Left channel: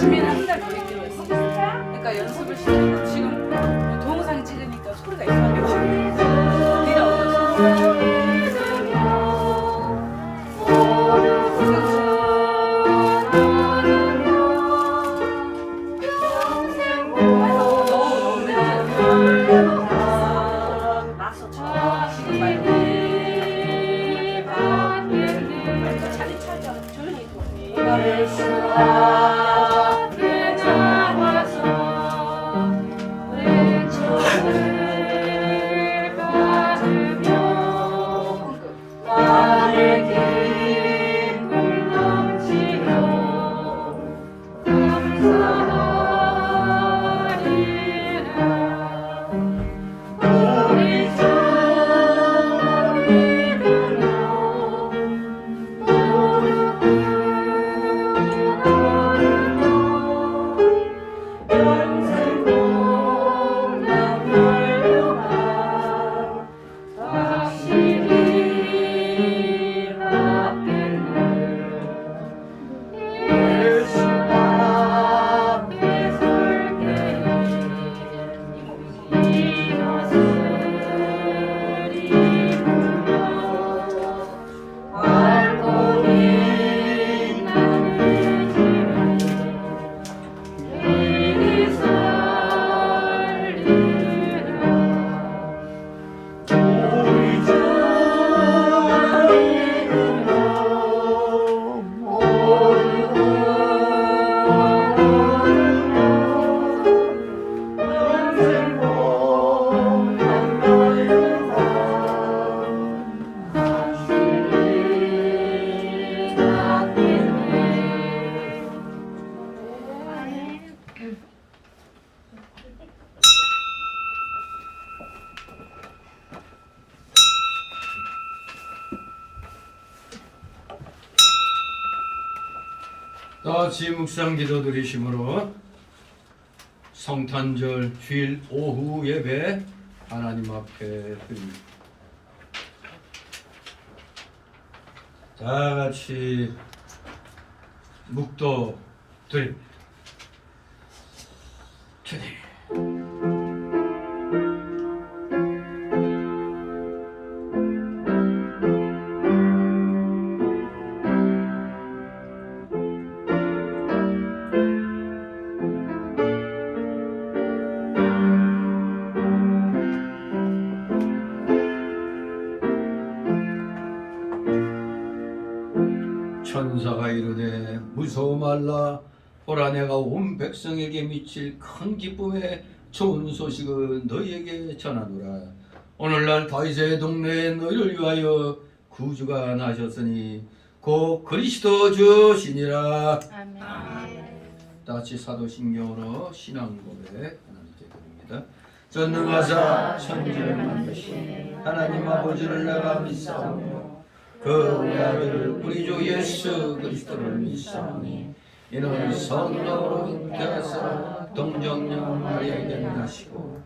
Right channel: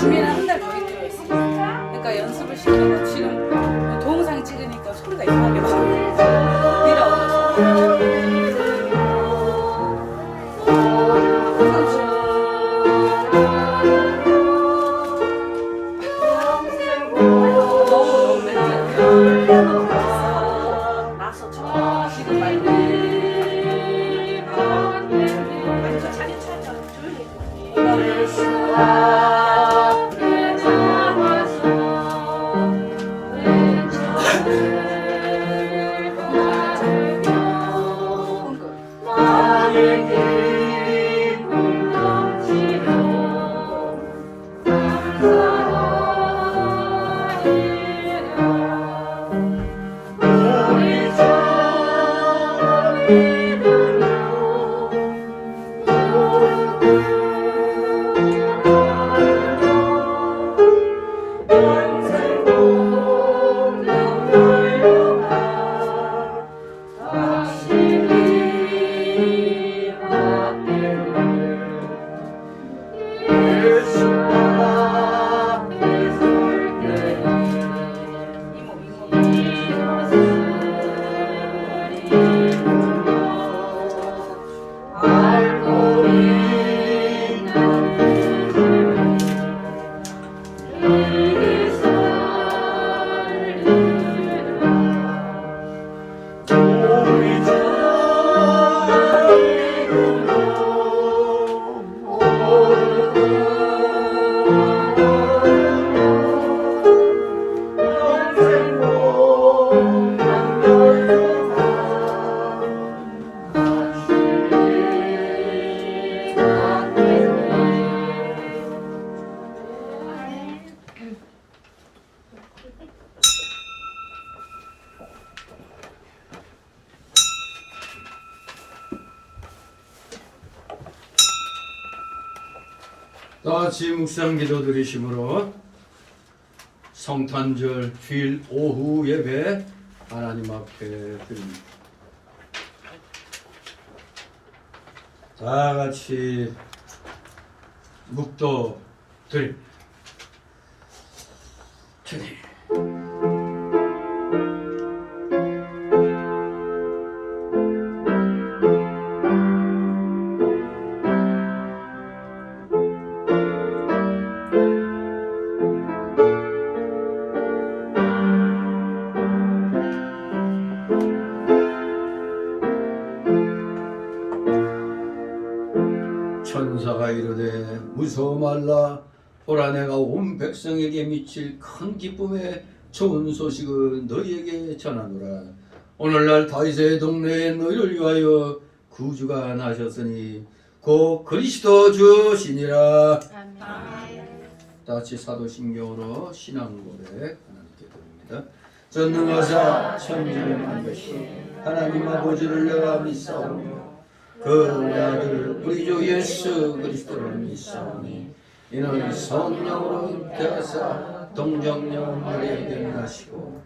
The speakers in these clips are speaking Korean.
준비를 한 달 더 했대요. 그러니까 연습을 시키는 거 지금 동영상 찍으니까 소리가 이상하게 막 내려오면서. 다같이 묵상 기도 드리심으로 성탄절 주일 오후 예배 하나님 앞에 드립니다. 다같이 묵도 드립니다. 주님, 천사가 이르되 무서워 말라. 보라, 내가 온 백성에게 미칠 큰 기쁨의 좋은 소식을 너희에게 전하노라. 오늘날 다윗의 동네에 너희를 위하여 구주가 나셨으니 곧 그리스도 주시니라. 아멘. 다같이 사도신경으로 신앙 고백 하나님께 드립니다. 전능하사 천지를 만드신 하나님 아버지를 내가 믿사오며 그 아들 우리 주 예수 그리스도를 믿사오니 이는 성령으로 잉태하사 동정녀 마리아에게 나시고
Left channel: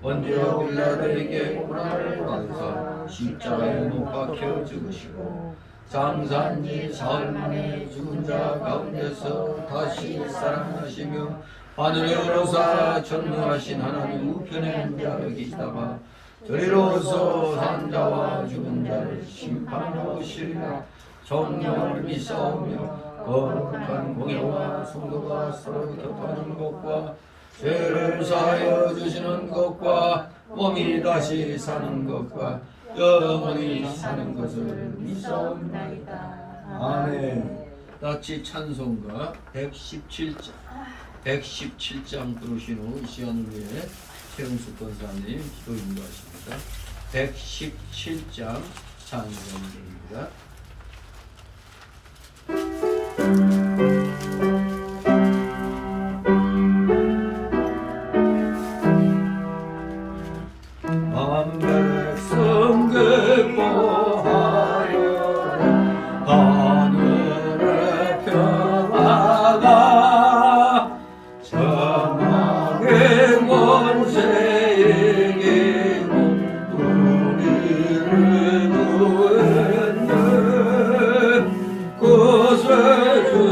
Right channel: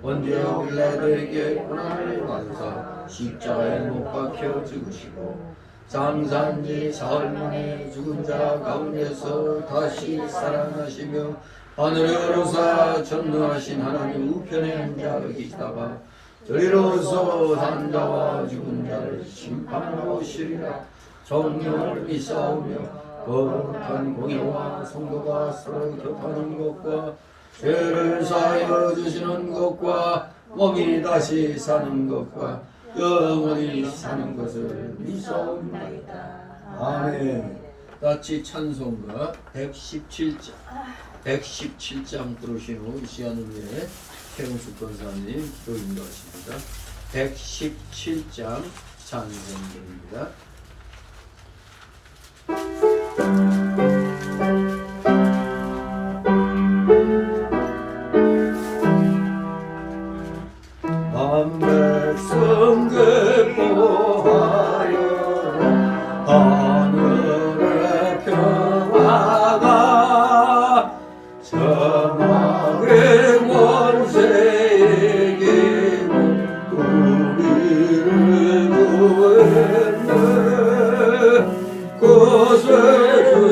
본디오 빌라도에게 고난을 받으사 십자가에 못 박혀 죽으시고 장사한 지 사흘 만에 죽은 자 가운데서 다시 살아나시며 하늘에 오르사 전능하신 하나님 우편에 앉아 계시다가 저리로서 산 자와 죽은 자를 심판하러 오시리라. 성령을 믿사오며 거룩한 공예와 성도가 서로 격하는 것과 죄를 사하여 주시는 것과 몸이 다시 사는 것과 영원히 사는 것을 믿사옵나이다. 아멘. 다같이 찬송가 117장 부르신 후 이 시간을 위해 최은숙 권사님 기도 인도하십니다. 117장 찬송입니다. 백성 기뻐하여 하늘의 평화가 사망의 원세 이기고 우리를 구했네. 구세주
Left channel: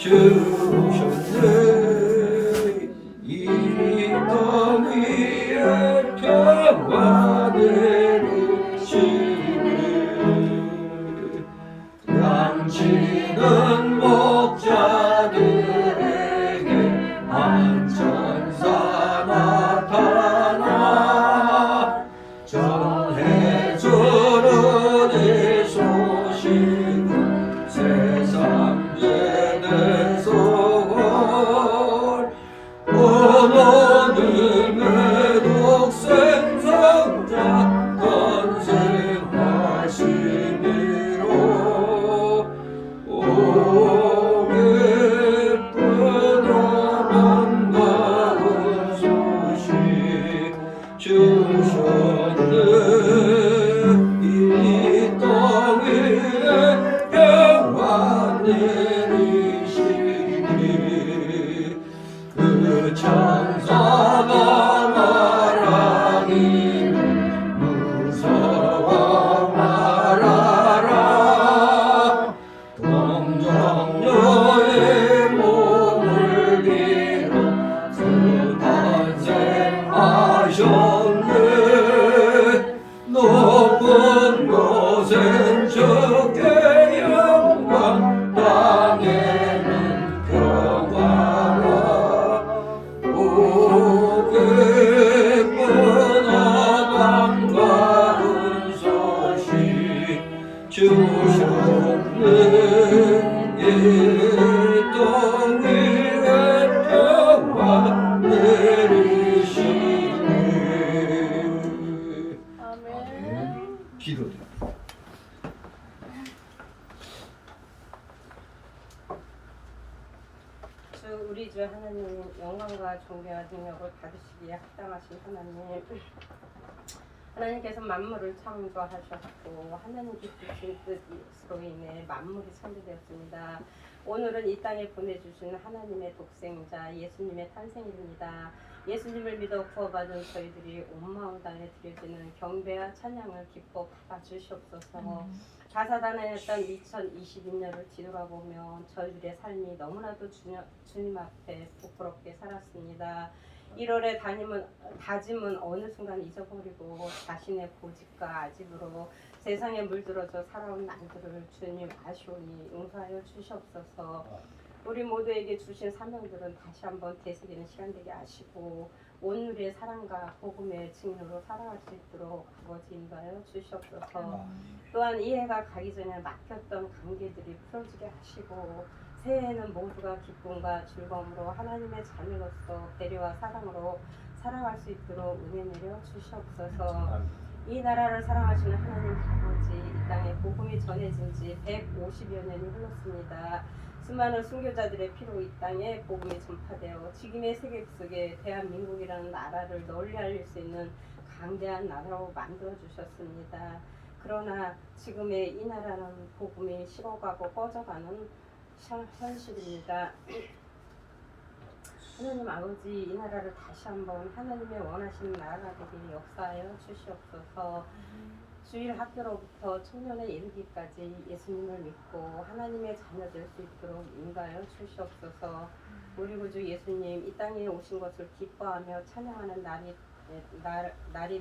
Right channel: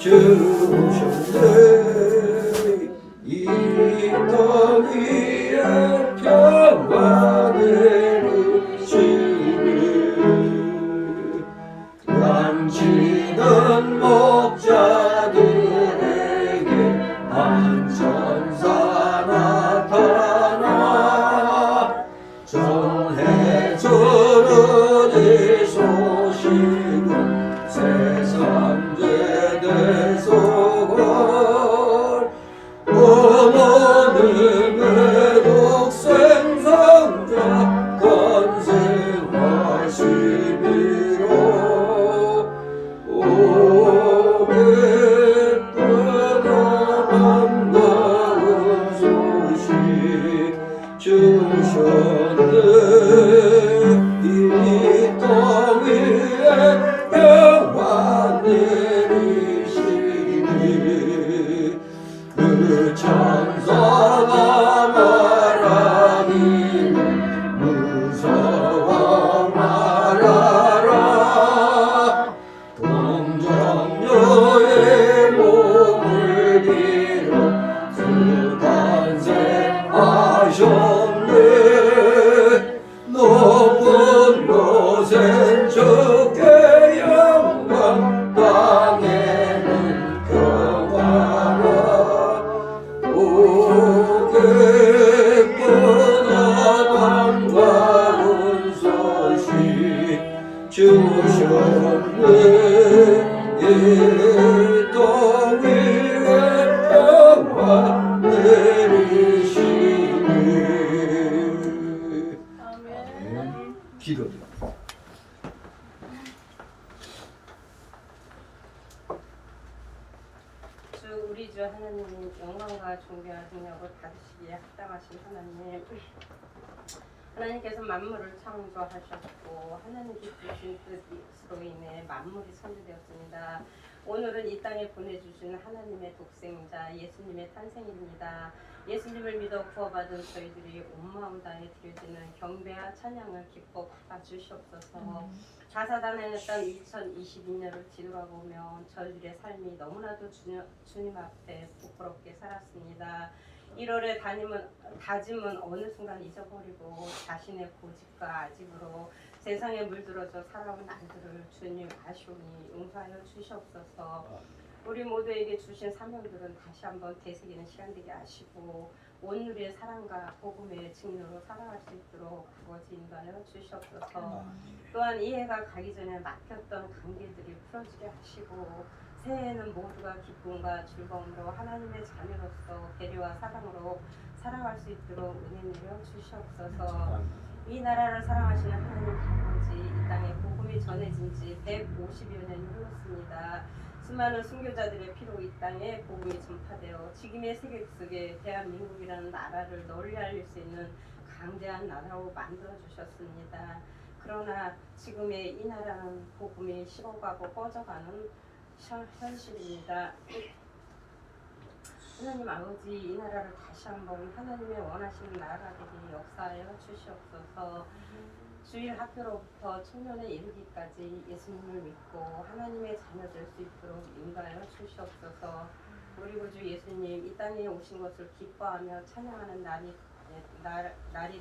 주셨네. 이 땅 위에 평안을 주시네. 양치는 목자들에게 한천사 나타나 전해주는 이 소식은 세상 죄대 속을 원하는 독생 성자 건생하시니로. 오 기쁘다 반가운 소식 주셨네. 이 땅 위에 평안 내리시니 그 천사가 말하기를 무서워 말아라. 동정녀의 몸을 빌어 주 탄생하셨네. 높은 곳엔 주께 영광, 땅에는 평화라. 오 기쁘다 반가운 소식 주셨네. 이 땅 위에 평화 내리시네. 아멘. 기도드립니다. 우리 주 하나님, 영광과 존귀와 능력을 받으시기에 합당하신 하나님, 하나님께서 만물을 창조하셨고 하나님께 주신 뜻으로 인해 만물이 창조되었습니다. 오늘은 이 땅에 보내주신 하나님의 독생자 예수님의 탄생일입니다. 예수님을 믿어 구원받은 저희들이 온 마음 다해 드려지는 경배와 찬양을 기뻐 받아주시옵소서. 다사다난했던 2022년을 뒤돌아보면 저희들의 삶이 너무나도 주님 앞에 부끄럽게 살았습니다. 1월에 다짐은 어느 순간 잊어버리고 자신의 고집과 아집으로 세상에 물들어져 살아온 날들을 주님 아시오니 용서하여 주시옵소서. 우리 모두에게 주신 사명들은 다시 한번 되새기는 시간 되게 하시고 온누리의 사랑과 복음의 증인으로 살아갈 수 있도록 아버지 인도하여 주시옵소서. 또한 이 해가 가기 전에 막혔던 관계들이 풀어지게 하시고 새해에는 모두가 기쁨과 즐거움으로 하나님의 자녀로서 배려와 사랑으로 살아갈 수 있도록 은혜 내려 주시옵소서. 이 나라를 사랑하시는 하나님 아버지, 이 땅에 복음이 전해진 지 150여 년이 흘렀습니다. 수많은 순교자들의 피로 이 땅에 복음이 전파되어 지금의 세계 속에 대한민국이라는 나라를 널리 알릴 수 있는 강대한 나라로 만들어 주셨습니다. 그러나 지금의 이 나라는 복음이 식어가고 꺼져가는 현실입니다. 하나님 아버지, 이 나라를 다시 한번 하나님의 원하시는 나라가 되게 역사하여 주시옵소서. 주일 학교로부터 청년에 이르기까지 예수님을 믿고 하나님의 자녀 될 수 있도록 인도하여 주시옵소서. 우리 구주 예수님 이 땅에 오신 것을 기뻐하며 찬양하는 날이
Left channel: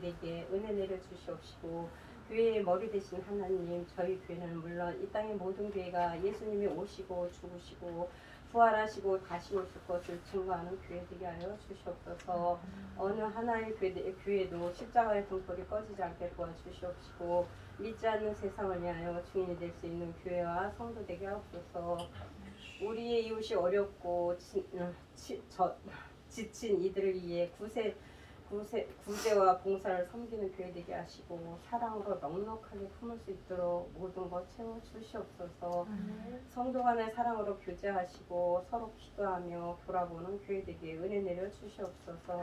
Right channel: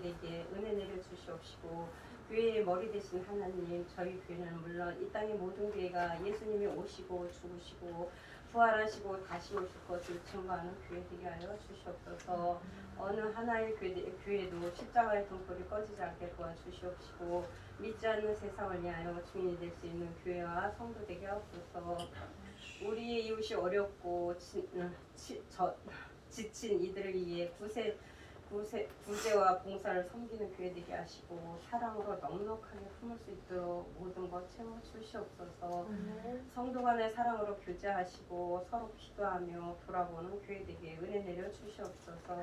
되게 은혜 내려 주시옵시고, 교회의 머리 되신 하나님, 저희 교회는 물론 이 땅의 모든 교회가 예수님이 오시고 죽으시고 부활하시고 다시 오실 것을 증거하는 교회 되게 하여 주시옵소서. 어느 하나의 교회도 십자가의 등불이 꺼지지 않게 도와주시옵시고, 믿지 않는 세상을 위하여 증인이 될 수 있는 교회와 성도 되게 하옵소서. 우리의 이웃이 어렵고 지친 이들을 위해 구제와 봉사를 섬기는 교회 되게 하시고 사랑으로 넉넉하게 품을 수 있도록 모든 것 채워 주시옵소서. 성도 간의 사랑으로 교제하시고 서로 기도하며 돌아보는 교회 되게 은혜 내려 주시옵소서.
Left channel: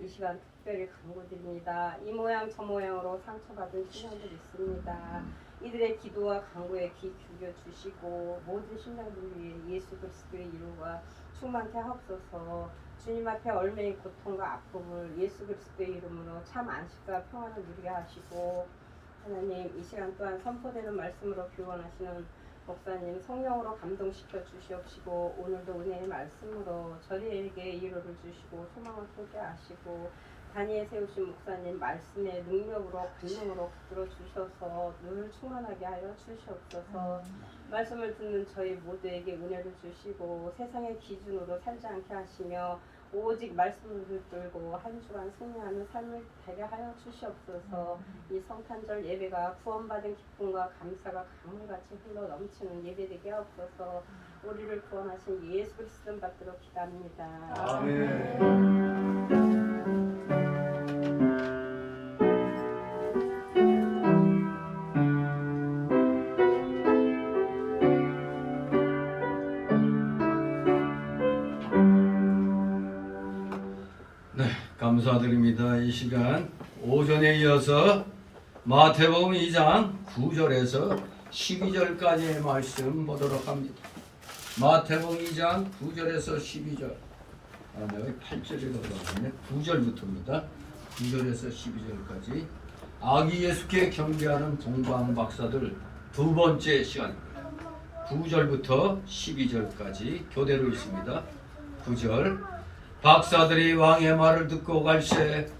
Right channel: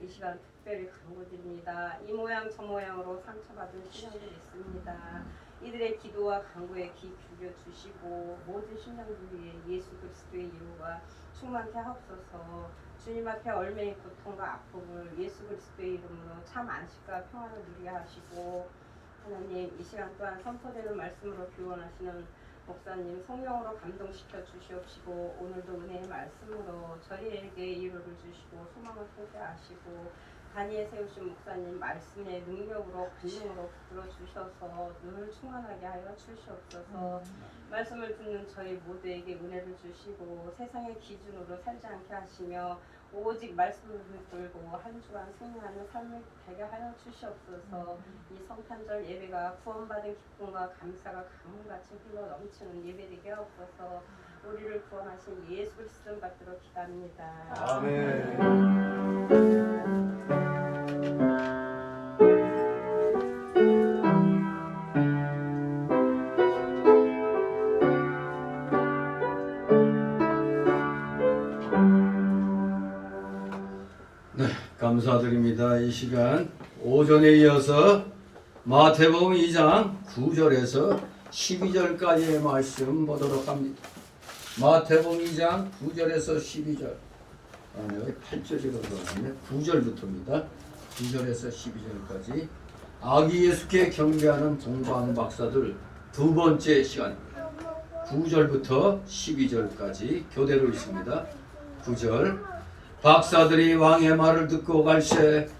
이 시간 특별히 간구드립니다. 이 모양 저 모양으로 상처받은 신령들이 있습니다. 이들의 기도와 간구에 귀 기울여 주시고 모든 신령들 위해 예수 그리스도의 이름과 충만케 하옵소서. 주님 앞에 얼매인 고통과 아픔을 예수 그리스도의 이름으로 참 안식과 평안을 누리게 하시고, 하나님 이 시간 또한 선포되는 말씀으로 교훈하시는 목사님 성령으로 감동시켜 주시옵시고 오늘도 은혜의 말씀으로 저희에게 위로를 주시고 소망을 쏟게 하시고 단위에 세우신 목사님 말씀의 능력으로 권능으로 붙들어 주셔서 늘 충만하게 하여 주시옵소서. 말씀을 듣는 저희 모두에게 은혜를 주시고 세상의 기준으로 살지 않게 하시며 오직 말씀을 붙들고 한 주간 승리하는 삶을 되게 하여 주시옵소서. 이 성탄절 예배가 구원받은 기쁨과 감사가 강물같이 흘러 넘치는 예배되게 하옵소서. 우리를 구원하신 예수 그리스도 받들어 기도합니다. 아멘. 네, 감사드립니다. 이 시간 오전에 이어서 마태복음 2장 9절에서 12절까지의 말씀 보도록 합니다. 마태복음 2장 9절에서 12절. 여기 8절이 들어갔네. 9절부터입니다. 9절에서 12절까지 아기 예수께 경배하는 동방 박사들 두 번째 시간입니다. 9절부터 12절까지 교대로 있습니다. 9절 박사들이 왕의 말을 듣고 갈새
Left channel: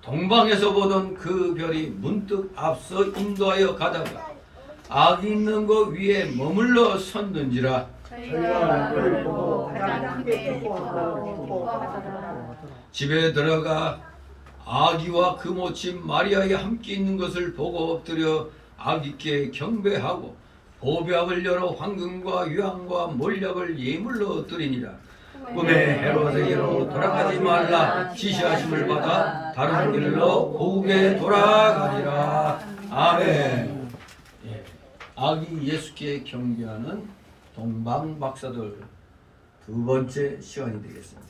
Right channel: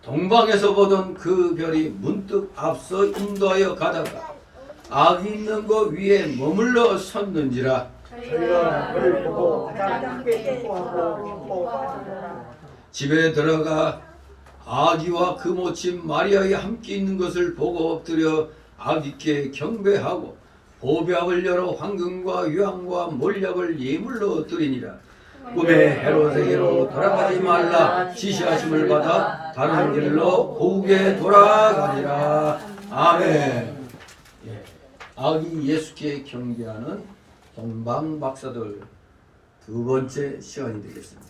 동방에서 보던 그 별이 문득 앞서 인도하여 가다가 아기 있는 곳 위에 머물러 섰는지라. 저희가 그를 보고 가장 크게 기뻐하고 기뻐하더라. 집에 들어가 아기와 그 모친 마리아에 함께 있는 것을 보고 엎드려 아기께 경배하고 보배압을 열어 황금과 유황과 몰약을 예물로 드리니라. 꿈에 헤롯에게로 돌아가지 말라 지시하심을 받아 다른 길로 고국에 돌아가니라. 아멘. 예. 아기 예수께 경배하는 동방 박사들 두 번째 시간이 되겠습니다.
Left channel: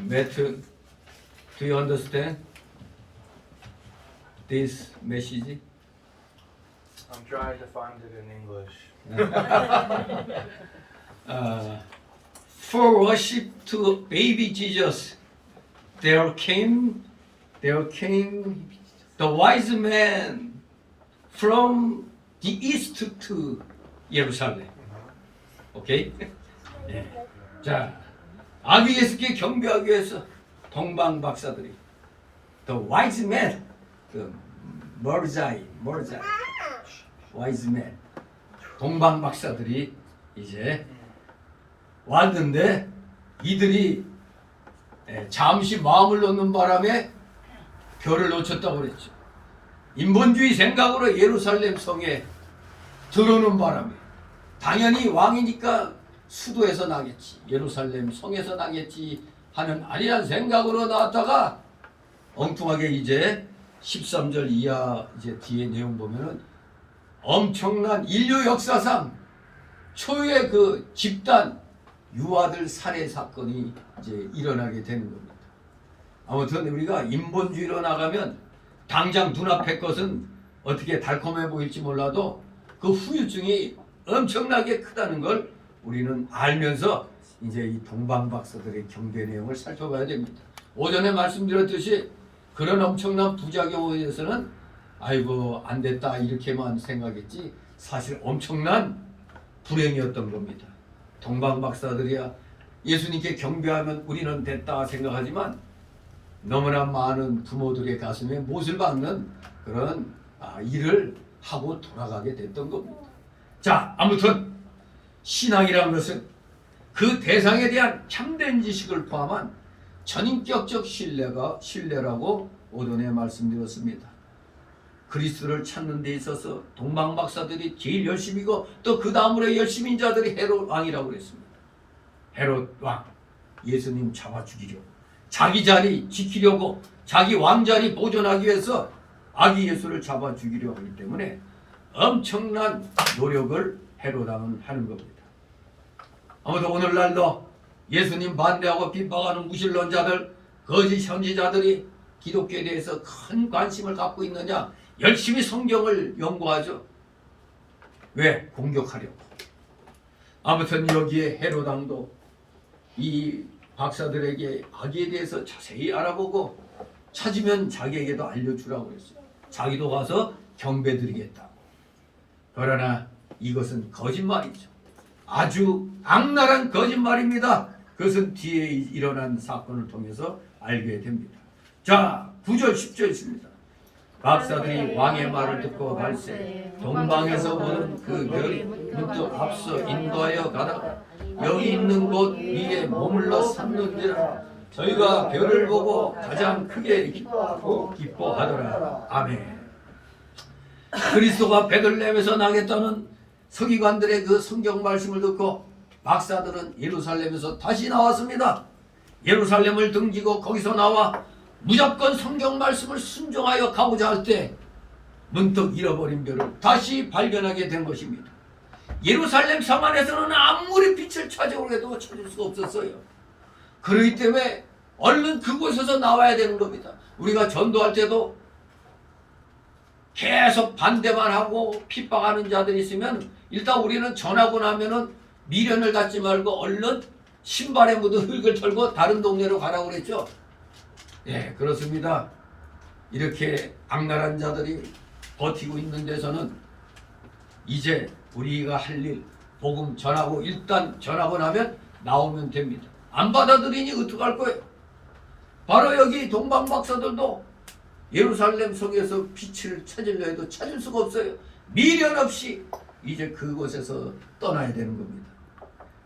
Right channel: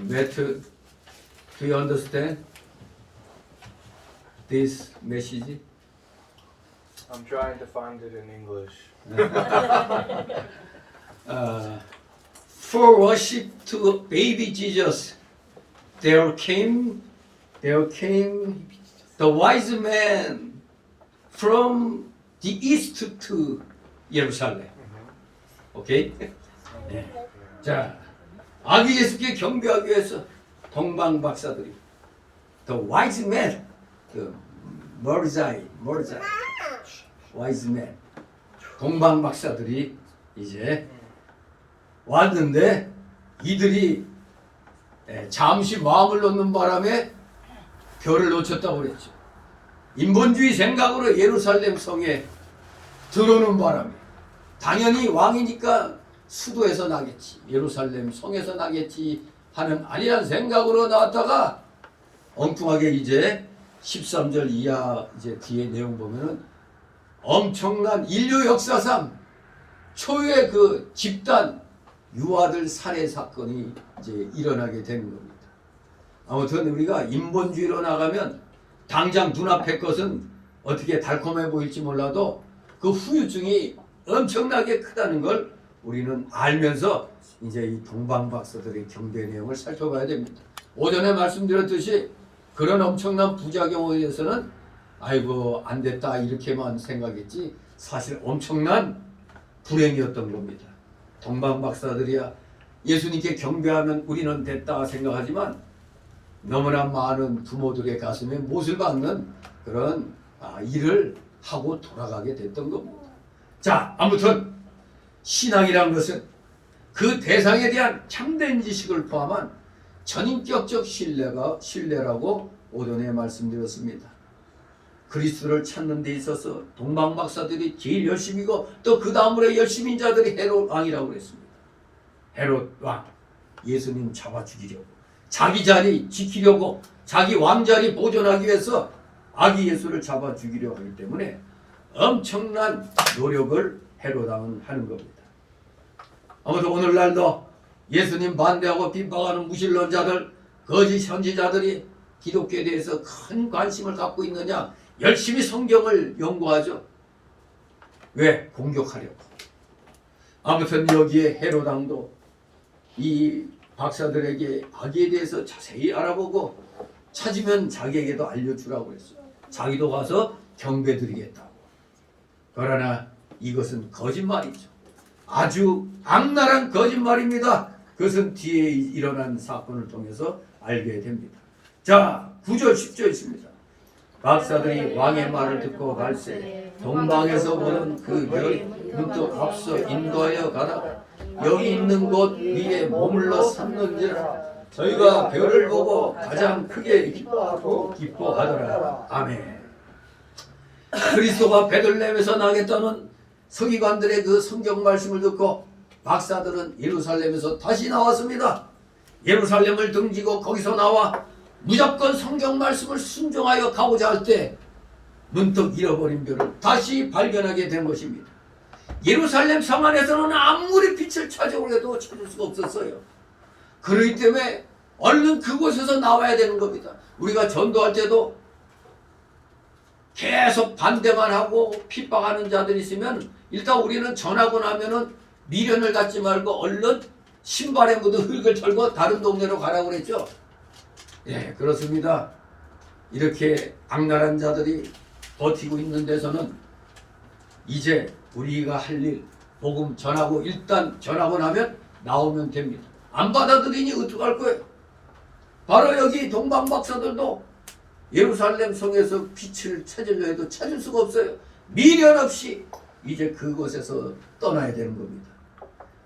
Matthew, do you understand this message? I'm trying to find it in English. For worship to baby Jesus, there came the wise men from the east to Jerusalem. 오케이? 네. 자, 아기 예수께 경배하기 위해서 동방 박사들이 the wise men, the 머르자이, wise men, 동방 박사들이 이제 왔는데 이들이 잠시 마음을 놓는 바람에 별을 놓쳤다고 그랬죠. 인본주의 생각으로 예루살렘 성에 들어오는 바람에 당연히 왕이니까 수도에서 나겠지, 예루살렘 성에서 나겠지 하는 아니란 생각으로 나왔다가 엉뚱하게 이제 13절 이하 이제 뒤에 내용 보면은 엄청난 인류 역사상 초유의 그 집단 유아들 살해 사건이 이제 일어나게 되는 겁니다. 아무튼 우리가 인본주의로 나가면 당장 눈앞의 것은 어떻게 달콤해 보일지 몰라도 그 후유증이 엄청나게 크다는 걸 우리는 알면서 이제 이 동방 박사들의 경배 내용을 살펴봐야 됩니다. 오전에 말씀드렸듯이 그런 엄청난 부작용에 대해서는 아이고 안 됐다 이렇게만 생각했지 사실 엄청난 불행이었던 겁니다. 동방 박사들이야 예수님께 경배하면 우리는 됐다 생각하지만 너무나 많은 부모들의 가슴에 못을 박는 그런 일을 하고 돌아가게 됐던 겁니다. 자, 아무튼 신앙이란 것은 그 대상에 대한 참된 지식을 포함한 전인격적 신뢰라고 오전에 말씀드렸습니다. 그리스도를 찾는 데 있어서 동방 박사들이 제일 열심이고 또 그 다음으로 열심인 자들이 헤롯 왕이라고 그랬습니다. 헤롯 왕, 예수님 잡아 죽이려고, 자기 자리 지키려고, 자기 왕자리 보존하기 위해서 아기 예수를 잡아 죽이려고 하기 때문에 엄청난 노력을 헤롯 왕은 하는 겁니다. 아무튼 오늘날도 예수님 반대하고 핍박하는 무신론자들, 거짓 선지자들이 기독교에 대해서 큰 관심을 갖고 있느냐? 열심히 성경을 연구하죠. 왜? 공격하려고. 아무튼 여기에 헤롯 왕도 이 박사들에게 아기에 대해서 자세히 알아보고 찾으면 자기에게도 알려주라고 그랬어요. 자기도 가서 경배드리겠다고. 그러나 이것은 거짓말이죠. 아주 악랄한 거짓말입니다. 그것은 뒤에 일어난 사건을 통해서 알게 됩니다. 자, 9절 10절 있습니다. 박사들이 왕의 말을 듣고 말세 동방에서 보는 그 별이 문득 앞서 인도하여 가다가 여기 있는 곳 위에 머물러 섰는지라 저희가 별을 보고 가장 크게 기뻐하더라. 아멘. 그리스도가 베들레헴에서 나겠다는 서기관들의 그 성경 말씀을 듣고 박사들은 예루살렘에서 다시 나왔습니다. 예루살렘을 등지고 거기서 나와 무조건 성경 말씀을 순종하여 가고자 할 때 문득 잃어버린 별을 다시 발견하게 된 것입니다. 예루살렘 성 안에서는 아무리 빛을 찾으려고 해도 찾을 수가 없었어요. 그렇기 때문에 얼른 그곳에서 나와야 되는 겁니다. 우리가 전도할 때도 계속 반대만 하고 핍박하는 자들이 있으면 일단 우리는 전하고 나면은 미련을 갖지 말고 얼른 신발에 묻은 흙을 털고 다른 동네로 가라고 그랬죠. 예, 그렇습니다. 이렇게 악랄한 자들이 버티고 있는 데서는 이제 우리가 할 일 복음 전하고 일단 전하고 나면 나오면 됩니다. 안 받아들이니 어떡할 거예요? 바로 여기 동방 박사들도 예루살렘 성에서 빛을 찾으려 해도 찾을 수가 없어요. 미련 없이 이제 그곳에서 떠나야 되는 겁니다.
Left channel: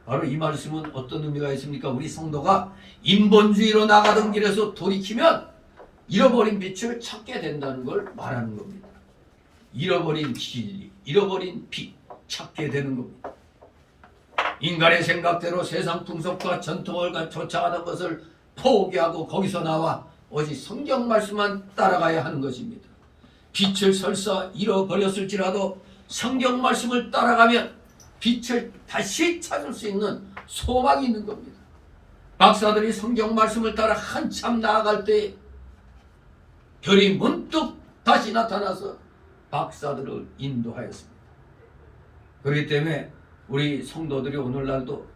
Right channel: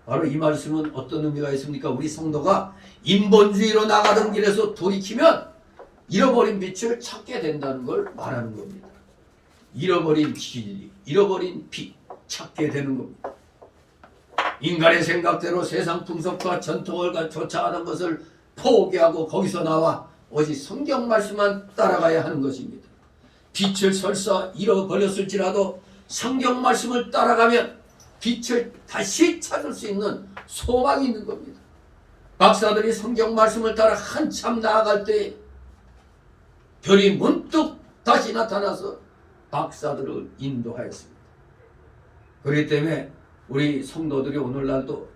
바로 이 말씀은 어떤 의미가 있습니까? 우리 성도가 인본주의로 나가던 길에서 돌이키면 잃어버린 빛을 찾게 된다는 걸 말하는 겁니다. 잃어버린 진리, 잃어버린 빛 찾게 되는 겁니다. 인간의 생각대로 세상 풍속과 전통을 쫓아가는 것을 포기하고 거기서 나와 오직 성경 말씀만 따라가야 하는 것입니다. 빛을 설사 잃어버렸을지라도 성경 말씀을 따라가면 빛을 다시 찾을 수 있는 소망이 있는 겁니다. 박사들이 성경 말씀을 따라 한참 나아갈 때 별이 문득 다시 나타나서 박사들을 인도하였습니다. 그렇기 때문에 우리 성도들이 오늘날도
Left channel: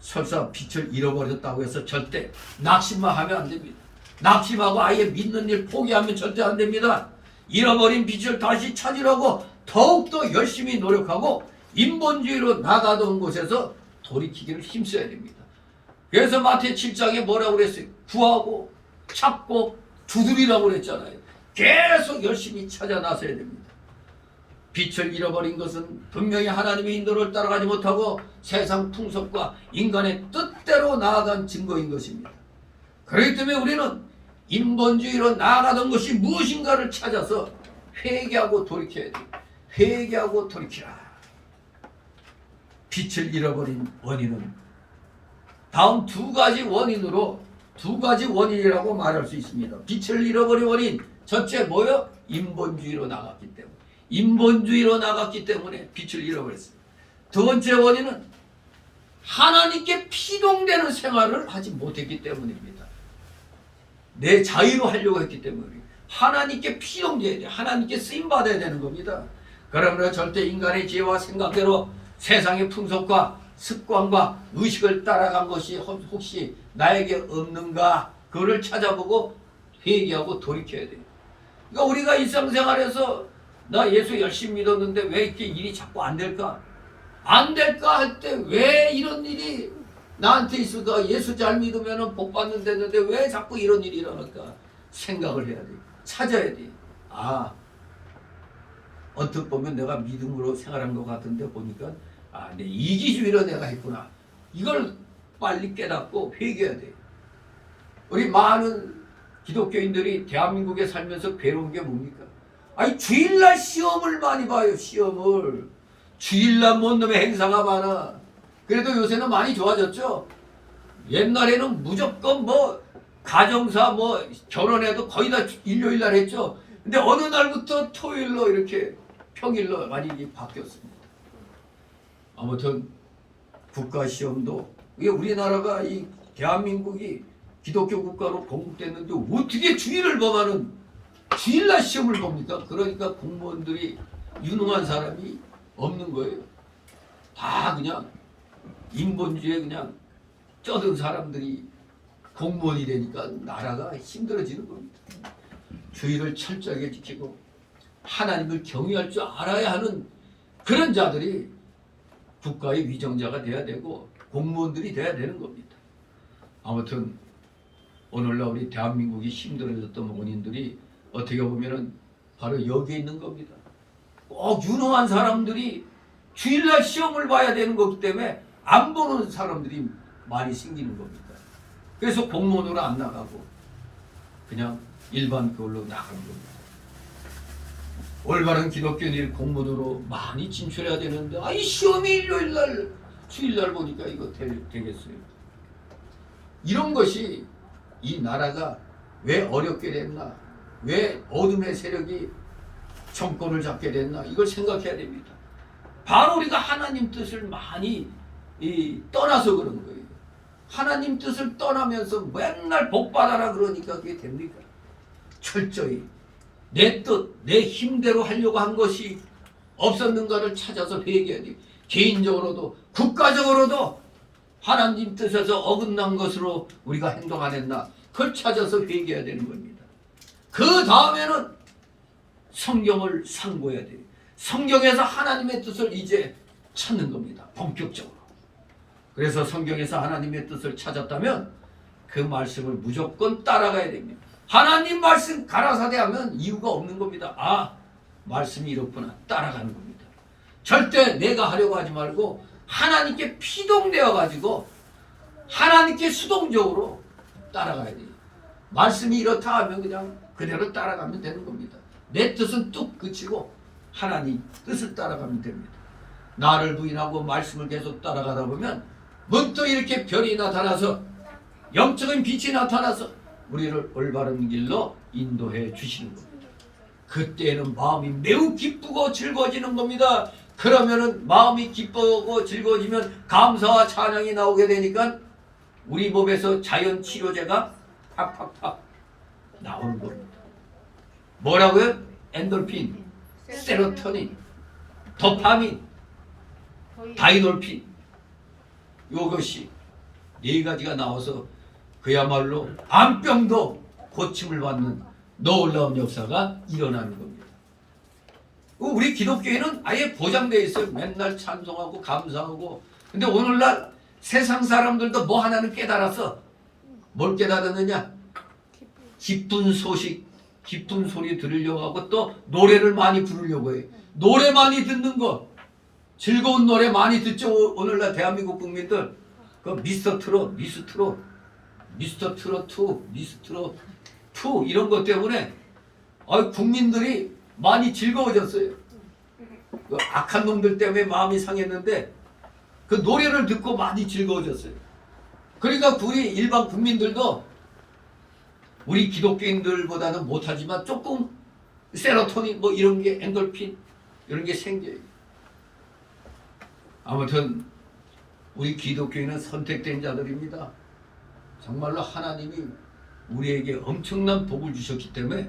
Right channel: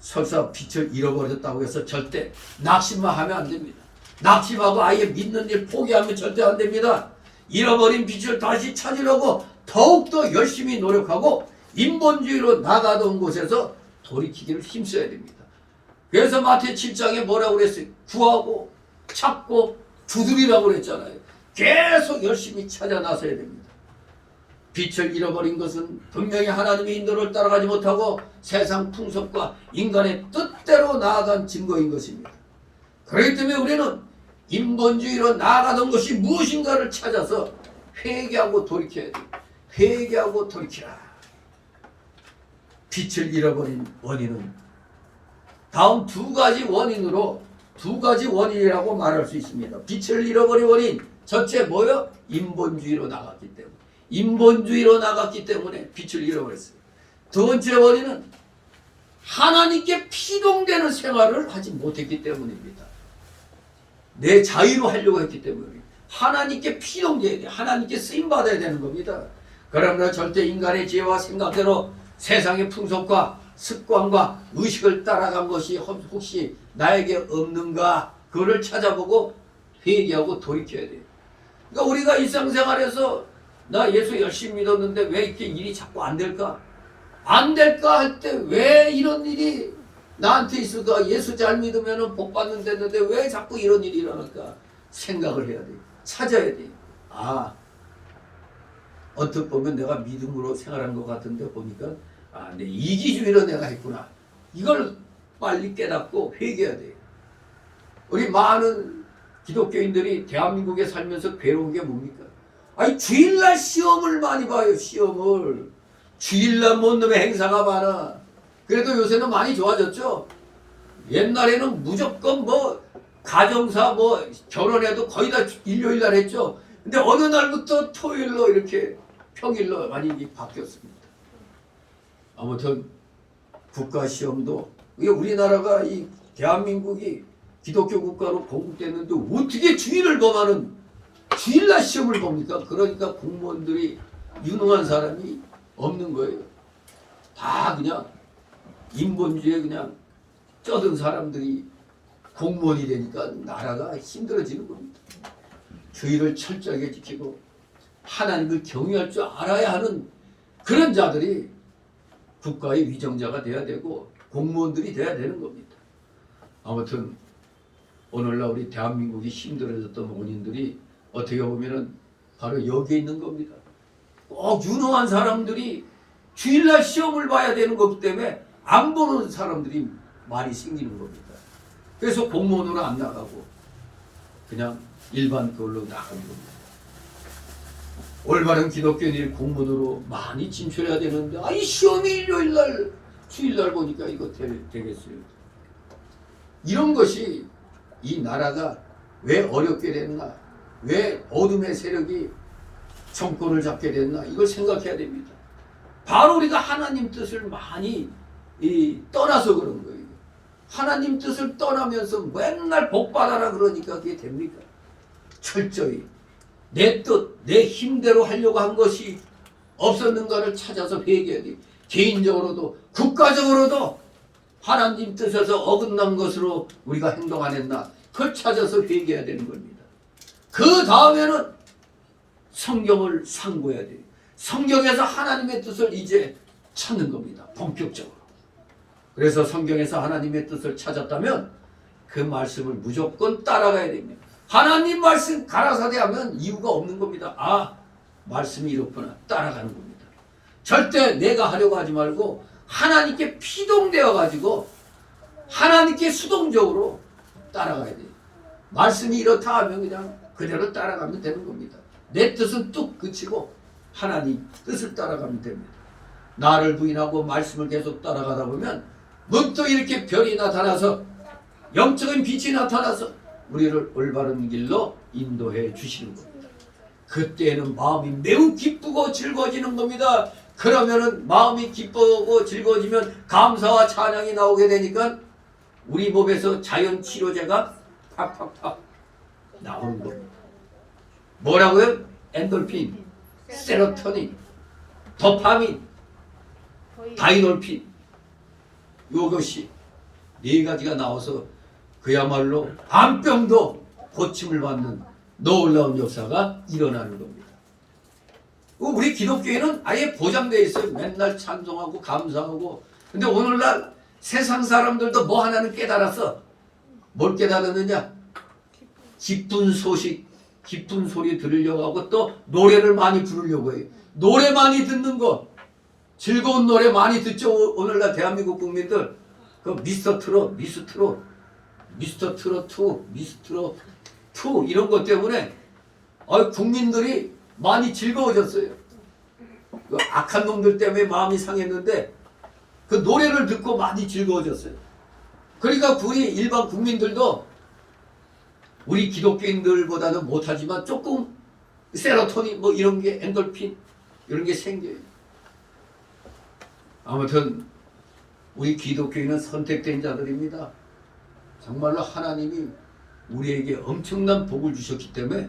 설사 빛을 잃어버렸다고 해서 절대 낙심만 하면 안 됩니다. 낙심하고 아예 믿는 일 포기하면 절대 안 됩니다. 잃어버린 빛을 다시 찾으려고 더욱더 열심히 노력하고 인본주의로 나가던 곳에서 돌이키기를 힘써야 됩니다. 그래서 마태 7장에 뭐라고 그랬어요? 구하고 찾고 두드리라고 그랬잖아요. 계속 열심히 찾아 나서야 됩니다. 빛을 잃어버린 것은 분명히 하나님의 인도를 따라가지 못하고 세상 풍속과 인간의 뜻대로 나아간 증거인 것입니다. 그렇기 때문에 우리는 인본주의로 나아가던 것이 무엇인가를 찾아서 회개하고 돌이켜야 돼요. 회개하고 돌이키라. 빛을 잃어버린 원인은 다음 두 가지 원인이라고 말할 수 있습니다. 빛을 잃어버린 원인 첫째 뭐요? 인본주의로 나갔기 때문에. 인본주의로 나갔기 때문에 빛을 잃어버렸어요. 두 번째 원인은 하나님께 피동되는 생활을 하지 못했기 때문입니다. 내 자유로 하려고 했기 때문에 하나님께 피동돼야 돼. 하나님께 쓰임받아야 되는 겁니다. 그러므로 절대 인간의 지혜와 생각대로 세상의 풍속과 습관과 의식을 따라간 것이 혹시 나에게 없는가 그거를 찾아보고 회개하고 돌이켜야 돼요. 그러니까 우리가 일상생활에서 나 예수 열심히 믿었는데 왜 이렇게 일이 자꾸 안 될까? 안 될까 할 때 왜 이런 일이 나한테 있을까? 예수 잘 믿으면 복 받는 데는데 왜 자꾸 이런 일이 일어날까? 생각을 해야 돼. 찾아야 돼. 아, 언뜻 보면 내가 믿음으로 생활한 것 같은데 보니까 내 이기주의로 내가 했구나. 이걸 빨리 깨닫고 회개해야 돼요. 우리 많은 기독교인들이 대한민국에 살면서 괴로운 게 뭡니까? 아니 주일날 시험을 많이 봐요. 시험을. 주일날 뭔 놈의 행사가 많아. 그래도 요새는 많이 좋아졌죠. 옛날에는 무조건 뭐 가정사 뭐 결혼해도 거의 다 일요일날 했죠. 근데 어느 날부터 토요일로 이렇게 평일로 많이 바뀌었습니다. 아무튼 국가시험도 우리나라가 이 대한민국이 기독교 국가로 건국됐는데 어떻게 주일을 범하는 주일날 시험을 봅니까? 그러니까 공무원들이 유능한 사람이 없는 거예요. 다 그냥 인본주의에 그냥 쩌든 사람들이 공무원이 되니까 나라가 힘들어지는 겁니다. 주의를 철저하게 지키고 하나님을 경외할 줄 알아야 하는 그런 자들이 국가의 위정자가 돼야 되고 공무원들이 돼야 되는 겁니다. 아무튼 오늘날 우리 대한민국이 힘들어졌던 원인들이 어떻게 보면은 바로 여기에 있는 겁니다. 꼭 유능한 사람들이 주일날 시험을 봐야 되는 거기 때문에 안 보는 사람들이 많이 생기는 겁니다. 그래서 공무원으로 안 나가고 그냥 일반 그걸로 나가는 겁니다. 올바른 기독교인이 공무원으로 많이 진출해야 되는데 이 시험이 일요일날 주일날 보니까 이거 되겠어요. 이런 것이 이 나라가 왜 어렵게 됐나, 왜 어둠의 세력이 정권을 잡게 됐나, 이걸 생각해야 됩니다. 바로 우리가 하나님 뜻을 많이 떠나서 그런 거예요. 하나님 뜻을 떠나면서 맨날 복 받아라 그러니까 그게 됩니까? 철저히 내 뜻, 내 힘대로 하려고 한 것이 없었는가를 찾아서 회개해야 돼요. 개인적으로도 국가적으로도 하나님 뜻에서 어긋난 것으로 우리가 행동 안 했나, 그걸 찾아서 회개해야 되는 겁니다. 그 다음에는 성경을 상고해야 돼요. 성경에서 하나님의 뜻을 이제 찾는 겁니다. 본격적으로. 그래서 성경에서 하나님의 뜻을 찾았다면 그 말씀을 무조건 따라가야 됩니다. 하나님 말씀 가라사대하면 이유가 없는 겁니다. 말씀이 이렇구나, 따라가는 겁니다. 절대 내가 하려고 하지 말고 하나님께 피동되어 가지고 하나님께 수동적으로 따라가야 돼요. 말씀이 이렇다 하면 그냥 그대로 따라가면 되는 겁니다. 내 뜻은 뚝 그치고 하나님 뜻을 따라가면 됩니다. 나를 부인하고 말씀을 계속 따라가다 보면 문득 이렇게 별이 나타나서 영적인 빛이 나타나서 우리를 올바른 길로 인도해 주시는 겁니다. 그때는 마음이 매우 기쁘고 즐거워지는 겁니다. 그러면은 마음이 기쁘고 즐거워지면 감사와 찬양이 나오게 되니까 우리 몸에서 자연 치료제가 팍팍팍 나오는 겁니다. 뭐라고요? 엔돌핀, 세로토닌, 도파민, 다이놀핀, 이것이 네 가지가 나와서 그야말로 암병도 고침을 받는 놀라운 역사가 일어나는 겁니다. 우리 기독교인은 아예 보장되어 있어요. 맨날 찬송하고 감사하고. 근데 오늘날 세상 사람들도 뭐 하나는 깨달았어. 뭘 깨달았느냐? 기쁜 소식, 기쁜 소리 들으려고 하고 또 노래를 많이 부르려고 해요. 노래 많이 듣는 거, 즐거운 노래 많이 듣죠. 오늘날 대한민국 국민들. 그 미스터 트롯, 미스터 트롯 2, 미스터 2 이런 것 때문에 국민들이 많이 즐거워졌어요. 그 악한 놈들 때문에 마음이 상했는데 그 노래를 듣고 많이 즐거워졌어요. 그러니까 우리 일반 국민들도 우리 기독교인들보다는 못하지만 조금 세로토닌 뭐 이런 게 엔돌핀 이런 게 생겨요. 아무튼 우리 기독교인은 선택된 자들입니다. 정말로 하나님이 우리에게 엄청난 복을 주셨기 때문에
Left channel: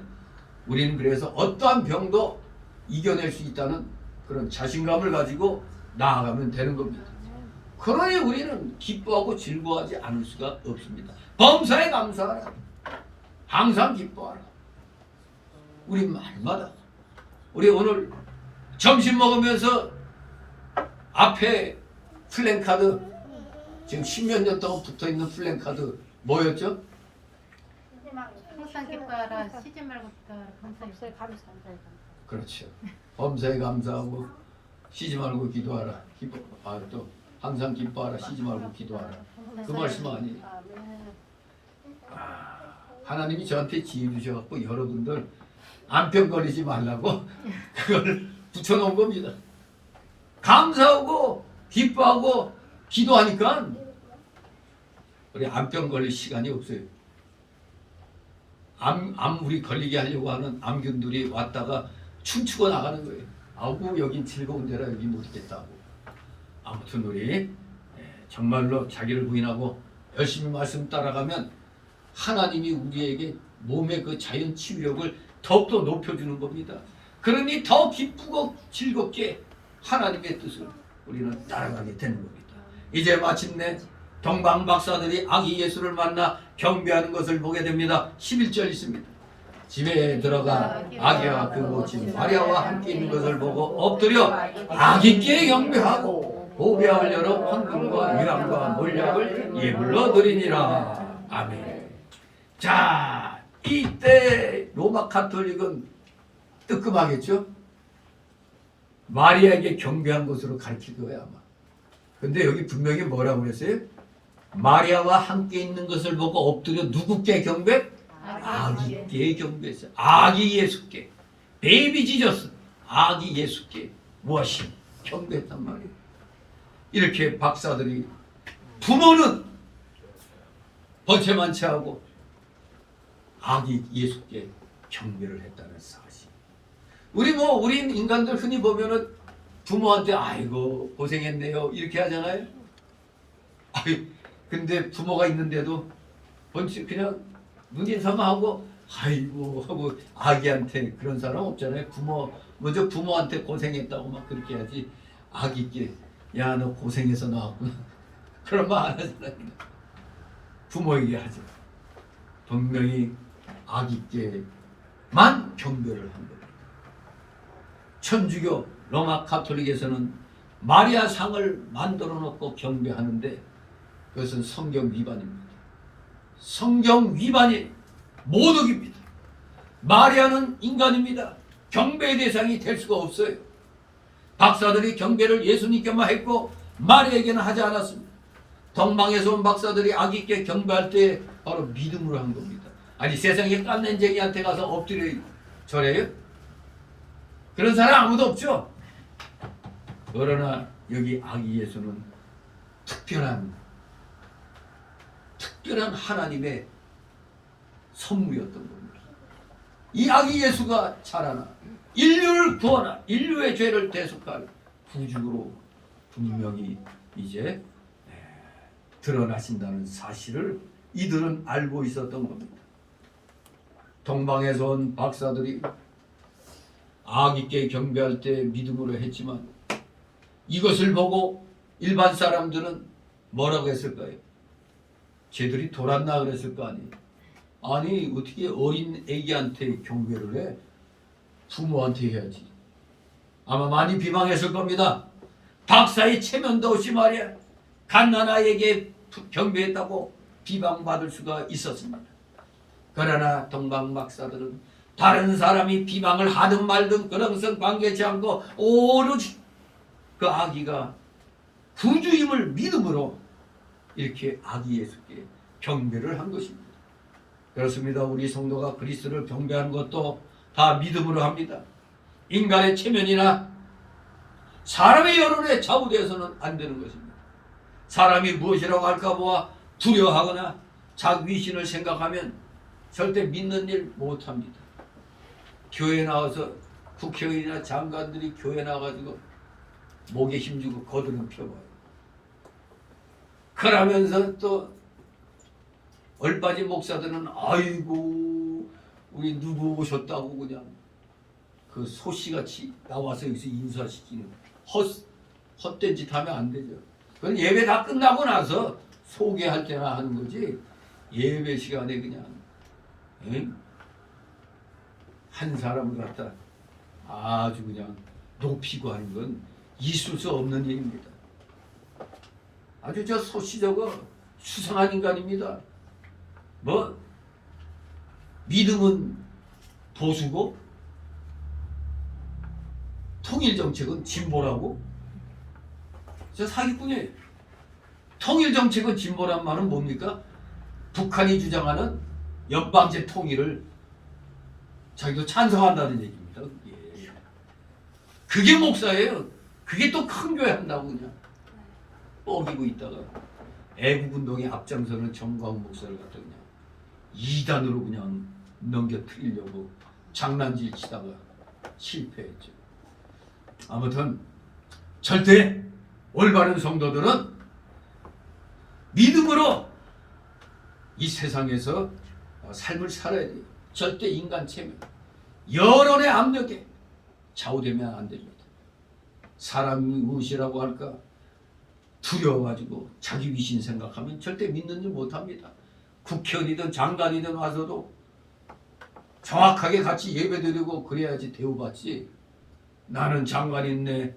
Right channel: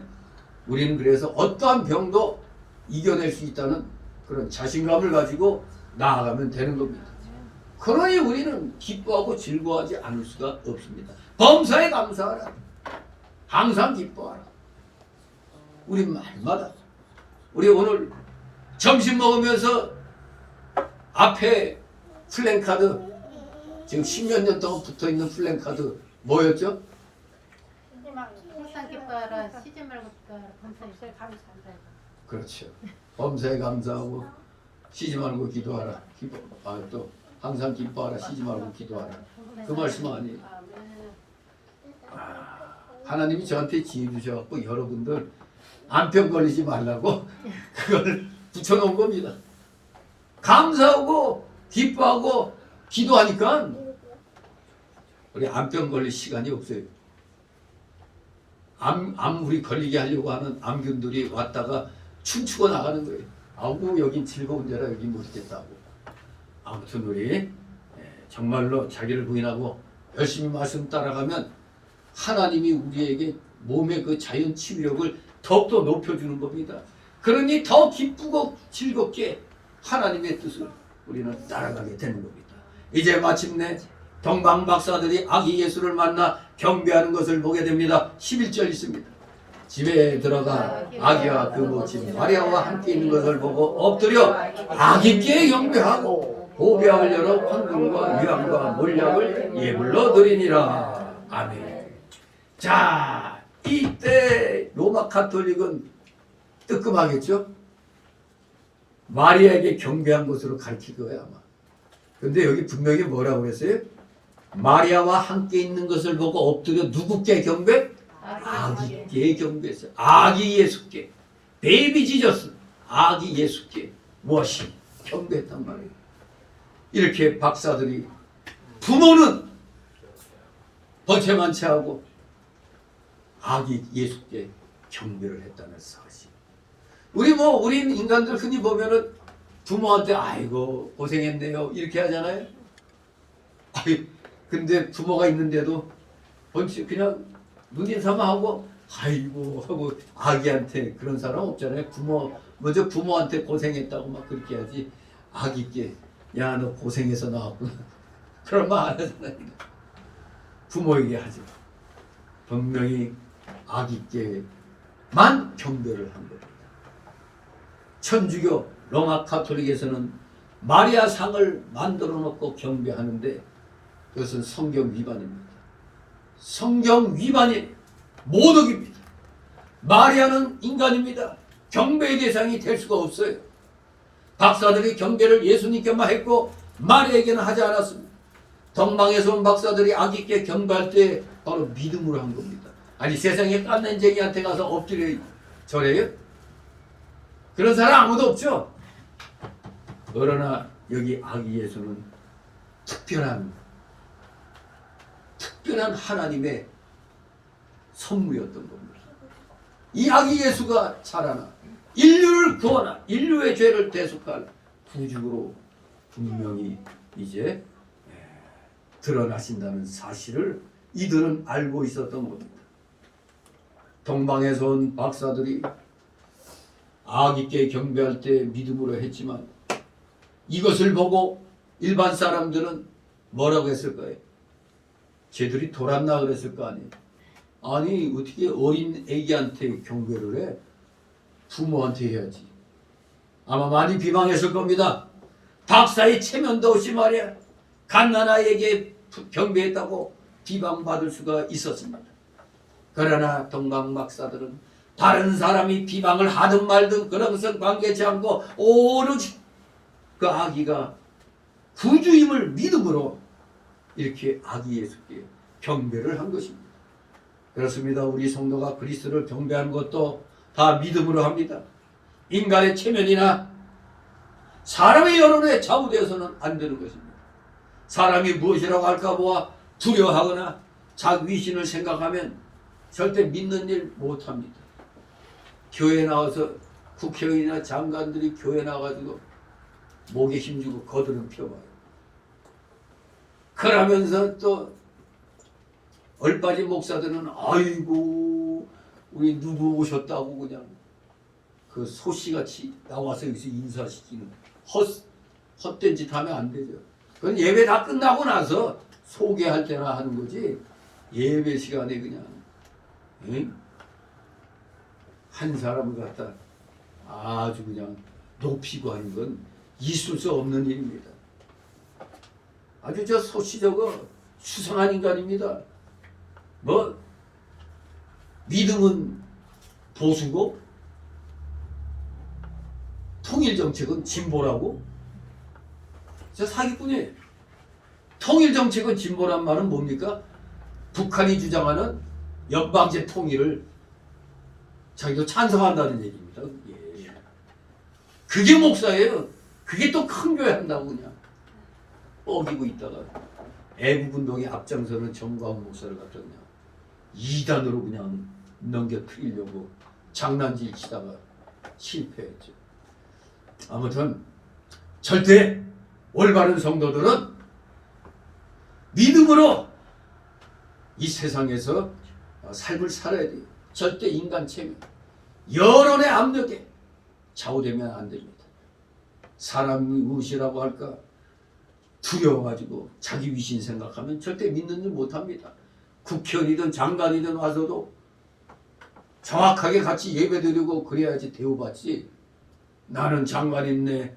우리는 그래서 어떠한 병도 이겨낼 수 있다는 그런 자신감을 가지고 나아가면 되는 겁니다. 그러니 우리는 기뻐하고 즐거워하지 않을 수가 없습니다. 범사에 감사하라. 항상 기뻐하라. 우리 말마다 우리 오늘 점심 먹으면서 앞에 플랜카드 지금 10몇 년 동안 붙어있는 플랜카드 뭐였죠? 항상 기뻐하라, 쉬지 말고 기뻐하라, 범사에 감사한다. 그렇죠. 범사에 감사하고 쉬지 말고 기도하라. 또 항상 기뻐하라, 쉬지 말고 기도하라. 그 말씀 아니에요. 하나님이 저한테 지혜 주셔갖고 여러분들 안병 걸리지 말라고 그걸 붙여놓은 겁니다. 감사하고 기뻐하고 기도하니까 우리 암병 걸릴 시간이 없어요. 우리 걸리게 하려고 하는 암균들이 왔다가 춤추고 나가는 거예요. 아우 여긴 즐거운 데라 여기 못 있겠다고. 아무튼 우리 정말로 자기를 부인하고 열심히 말씀 따라가면 하나님이 우리에게 몸의 그 자연 치유력을 더욱더 높여주는 겁니다. 그러니 더 기쁘고 즐겁게 하나님의 뜻을 우리는 따라가게 되는 겁니다. 이제 마침내 동방 박사들이 아기 예수를 만나 경배하는 것을 보게 됩니다. 11절 있습니다. 집에 들어가 아기와 그 모친 마리아와 함께 있는 것을 보고 엎드려 아기께 경배하고 보배함을 열어 황금과 유황과 몰약을 예물로 드리니라. 아멘. 자, 이때 로마 가톨릭은 뜨끔하겠죠? 마리아에게 경배한 것으로 가르칠 거예요 아마. 근데 여기 분명히 뭐라고 그랬어요? 마리아와 함께 있는 것을 보고 엎드려 누구께 경배? 아기께 경배했어요. 아기 예수께. 베이비 지저스. 아기 예수께 무엇이 경배했단 말이에요. 이렇게 박사들이 부모는 번체만치 하고 아기 예수께 경배를 했다는 사실. 우린 인간들 흔히 보면은 부모한테 아이고 고생했네요 이렇게 하잖아요. 근데 부모가 있는데도 그냥 눈인사만 하고 아이고 하고 아기한테 그런 사람 없잖아요. 먼저 부모한테 고생했다고 막 그렇게 하지 아기께 야 너 고생해서 나왔구나 그런 말 안 하잖아요. 부모에게 하죠. 분명히 아기께만 경배를 한 겁니다. 천주교 로마 가톨릭에서는 마리아 상을 만들어 놓고 경배하는데 그것은 성경 위반입니다. 성경 위반이 모독입니다. 마리아는 인간입니다. 경배의 대상이 될 수가 없어요. 박사들이 경배를 예수님께만 했고 마리아에게는 하지 않았습니다. 동방에서 온 박사들이 아기께 경배할 때 바로 믿음으로 한 겁니다. 아니 세상에 깐난쟁이한테 가서 엎드려 절해요? 그런 사람 아무도 없죠. 그러나 여기 아기 예수는 특별한 하나님의 선물이었던 겁니다. 이 아기 예수가 자라나 인류를 구원한 인류의 죄를 대속할 구주로 분명히 이제 드러나신다는 사실을 이들은 알고 있었던 겁니다. 동방에서 온 박사들이 아기께 경배할 때 믿음으로 했지만 이것을 보고 일반 사람들은 뭐라고 했을까요? 쟤들이 돌았나 그랬을 거 아니에요. 아니 어떻게 어린 애기한테 경배를 해? 부모한테 해야지. 아마 많이 비방했을 겁니다. 박사의 체면도 없이 말이야 갓난아이에게 경배했다고 비방받을 수가 있었습니다. 그러나 동방 박사들은 다른 사람이 비방을 하든 말든 그런 것은 관계치 않고 오로지 그 아기가 구주임을 믿음으로 이렇게 아기 예수께 경배를 한 것입니다. 그렇습니다. 우리 성도가 그리스도를 경배하는 것도 다 믿음으로 합니다. 인간의 체면이나 사람의 여론에 좌우되어서는 안 되는 것입니다. 사람이 무엇이라고 할까 보아 두려워하거나 자기 위신을 생각하면 절대 믿는 일 못합니다. 교회 나와서 국회의원이나 장관들이 교회 나와가지고 목에 힘주고 거드름 펴봐요. 그러면서 또 얼빠진 목사들은 아이고 우리 누구 오셨다고 그냥 그 소씨같이 나와서 여기서 인사시키는 헛된 짓 하면 안 되죠. 그건 예배 다 끝나고 나서 소개할 때나 하는 거지 예배 시간에 그냥 한 사람을 갖다 아주 그냥 높이고 하는 건 있을 수 없는 일입니다. 아주 저 소씨 저거 수상한 인간입니다. 뭐 믿음은 보수고 통일정책은 진보라고? 저 사기꾼이에요. 통일정책은 진보란 말은 뭡니까? 북한이 주장하는 연방제 통일을 자기도 찬성한다는 얘기입니다. 예. 그게 목사예요. 그게 또 큰 교회 한다고 그냥 뻐기고 있다가 애국운동에 앞장서는 정광훈 목사를 갖다 그냥 이단으로 그냥 넘겨뜨리려고 장난질 치다가 실패했죠. 아무튼 절대 올바른 성도들은 믿음으로 이 세상에서 삶을 살아야 돼요. 절대 인간 체면, 여론의 압력에 좌우되면 안 됩니다. 사람이 무엇이라고 할까 두려워가지고 자기 위신 생각하면 절대 믿는 일 못합니다. 국회의원이든 장관이든 와서도 정확하게 같이 예배드리고 그래야지 대우받지. 나는 장관이네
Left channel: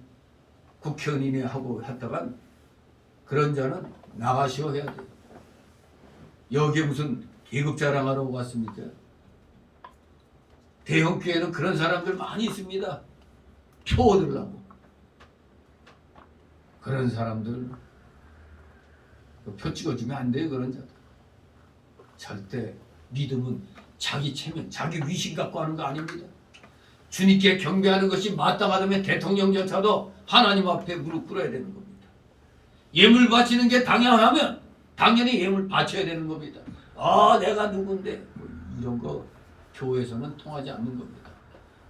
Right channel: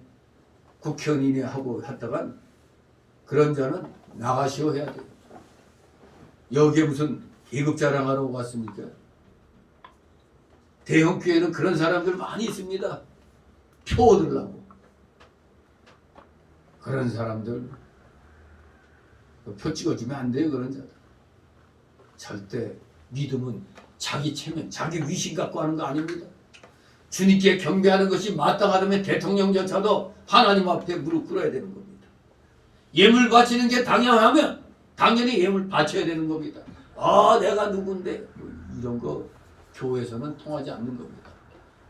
국회의원이네 하고 했다간 그런 자는 나가시오 해야 돼요. 여기에 무슨 계급 자랑하러 왔습니까? 대형 교회는 그런 사람들 많이 있습니다. 표 얻으려고. 그런 사람들 표 찍어주면 안 돼요. 그런 자들. 절대 믿음은 자기 체면, 자기 위신 갖고 하는 거 아닙니다. 주님께 경배하는 것이 마땅하다면 대통령조차도 하나님 앞에 무릎 꿇어야 되는 겁니다. 예물 바치는 게 당연하면 당연히 예물 바쳐야 되는 겁니다. 아, 내가 누군데 뭐 이런 거 교회에서는 통하지 않는 겁니다.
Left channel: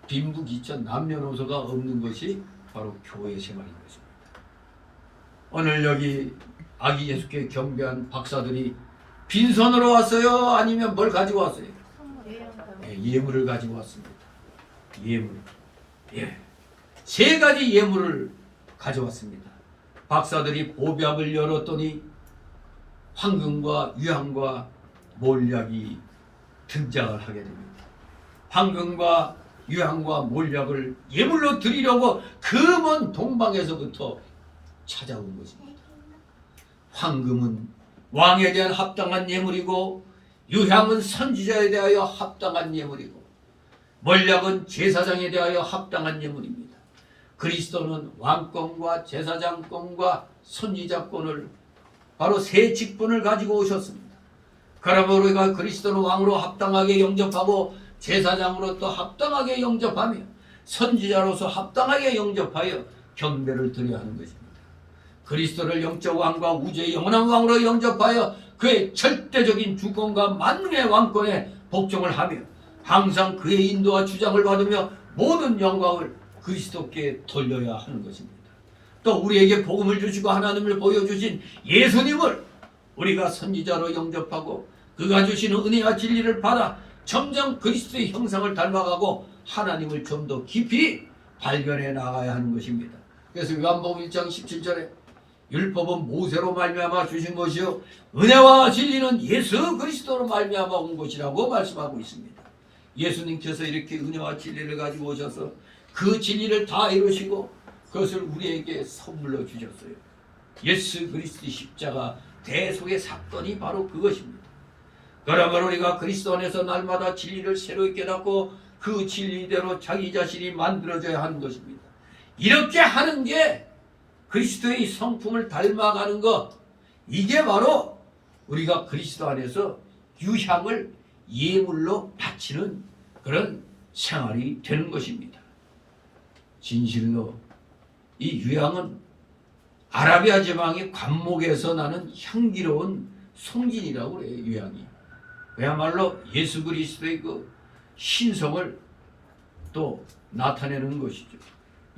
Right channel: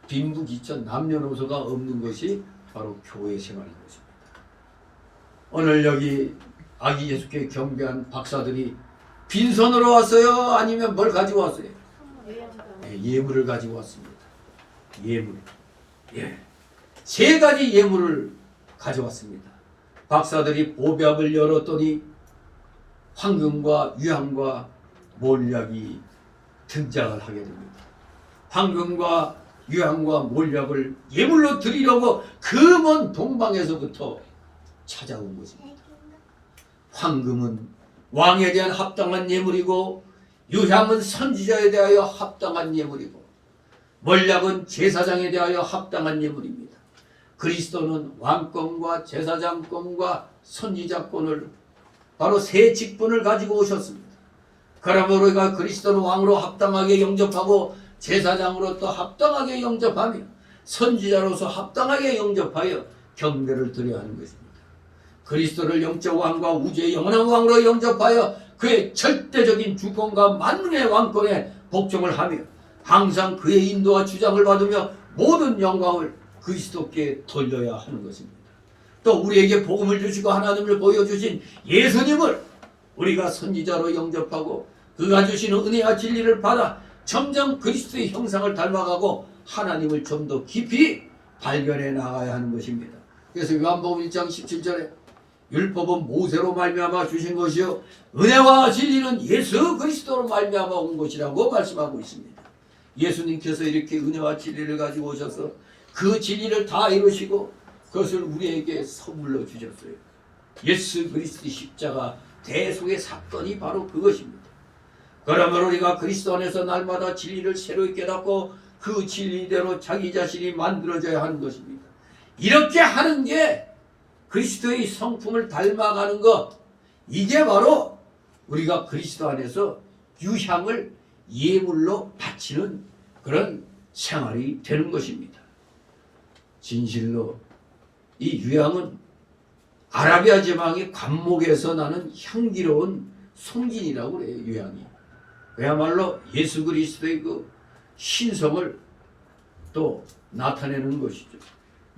빈부귀천 남녀노소가 없는 것이 바로 교회 생활인 것입니다. 오늘 여기 아기 예수께 경배한 박사들이 빈손으로 왔어요? 아니면 뭘 가지고 왔어요? 예물을 가지고 왔습니다. 예물. 예. 세 가지 예물을 가져왔습니다. 박사들이 보병을 열었더니 황금과 유향과 몰약이 등장을 하게 됩니다. 황금과 유향과 몰약을 예물로 드리려고 그 먼 동방에서부터 찾아온 것입니다. 황금은 왕에 대한 합당한 예물이고 유향은 선지자에 대하여 합당한 예물이고 몰약은 제사장에 대하여 합당한 예물입니다. 그리스도는 왕권과 제사장권과 선지자권을 바로 세 직분을 가지고 오셨습니다. 그러므로 우리가 그리스도는 왕으로 합당하게 영접하고 제사장으로 또 합당하게 영접하며 선지자로서 합당하게 영접하여 경배를 드려야 하는 것입니다. 그리스도를 영적 왕과 우주의 영원한 왕으로 영접하여 그의 절대적인 주권과 만능의 왕권에 복종을 하며 항상 그의 인도와 주장을 받으며 모든 영광을 그리스도께 돌려야 하는 것입니다. 또 우리에게 복음을 주시고 하나님을 보여주신 예수님을 우리가 선지자로 영접하고 그가 주시는 은혜와 진리를 받아 점점 그리스도의 형상을 닮아가고 하나님을 좀 더 깊이 발견해 나가야 하는 것입니다. 그래서 요한복음 1장 17절에 율법은 모세로 말미암아 주신 것이요 은혜와 진리는 예수 그리스도로 말미암아 온 것이라고 말씀하고 있습니다. 예수님께서 이렇게 은혜와 진리를 가지고 오셔서 그 진리를 다 이루시고 그것을 우리에게 선물로 주셨어요. 예수 그리스도의 십자가 대속의 사건이 바로 그것입니다. 그러면 우리가 그리스도 안에서 날마다 진리를 새로이 깨닫고 그 진리대로 자기 자신이 만들어져야 하는 것입니다. 이렇게 하는 게 그리스도의 성품을 닮아가는 것, 이게 바로 우리가 그리스도 안에서 유향을 예물로 바치는 그런 생활이 되는 것입니다. 진실로 이 유향은 아라비아 지방의 관목에서 나는 향기로운 송진이라고 그래요. 유향이 그야말로 예수 그리스도의 그 신성을 또 나타내는 것이죠.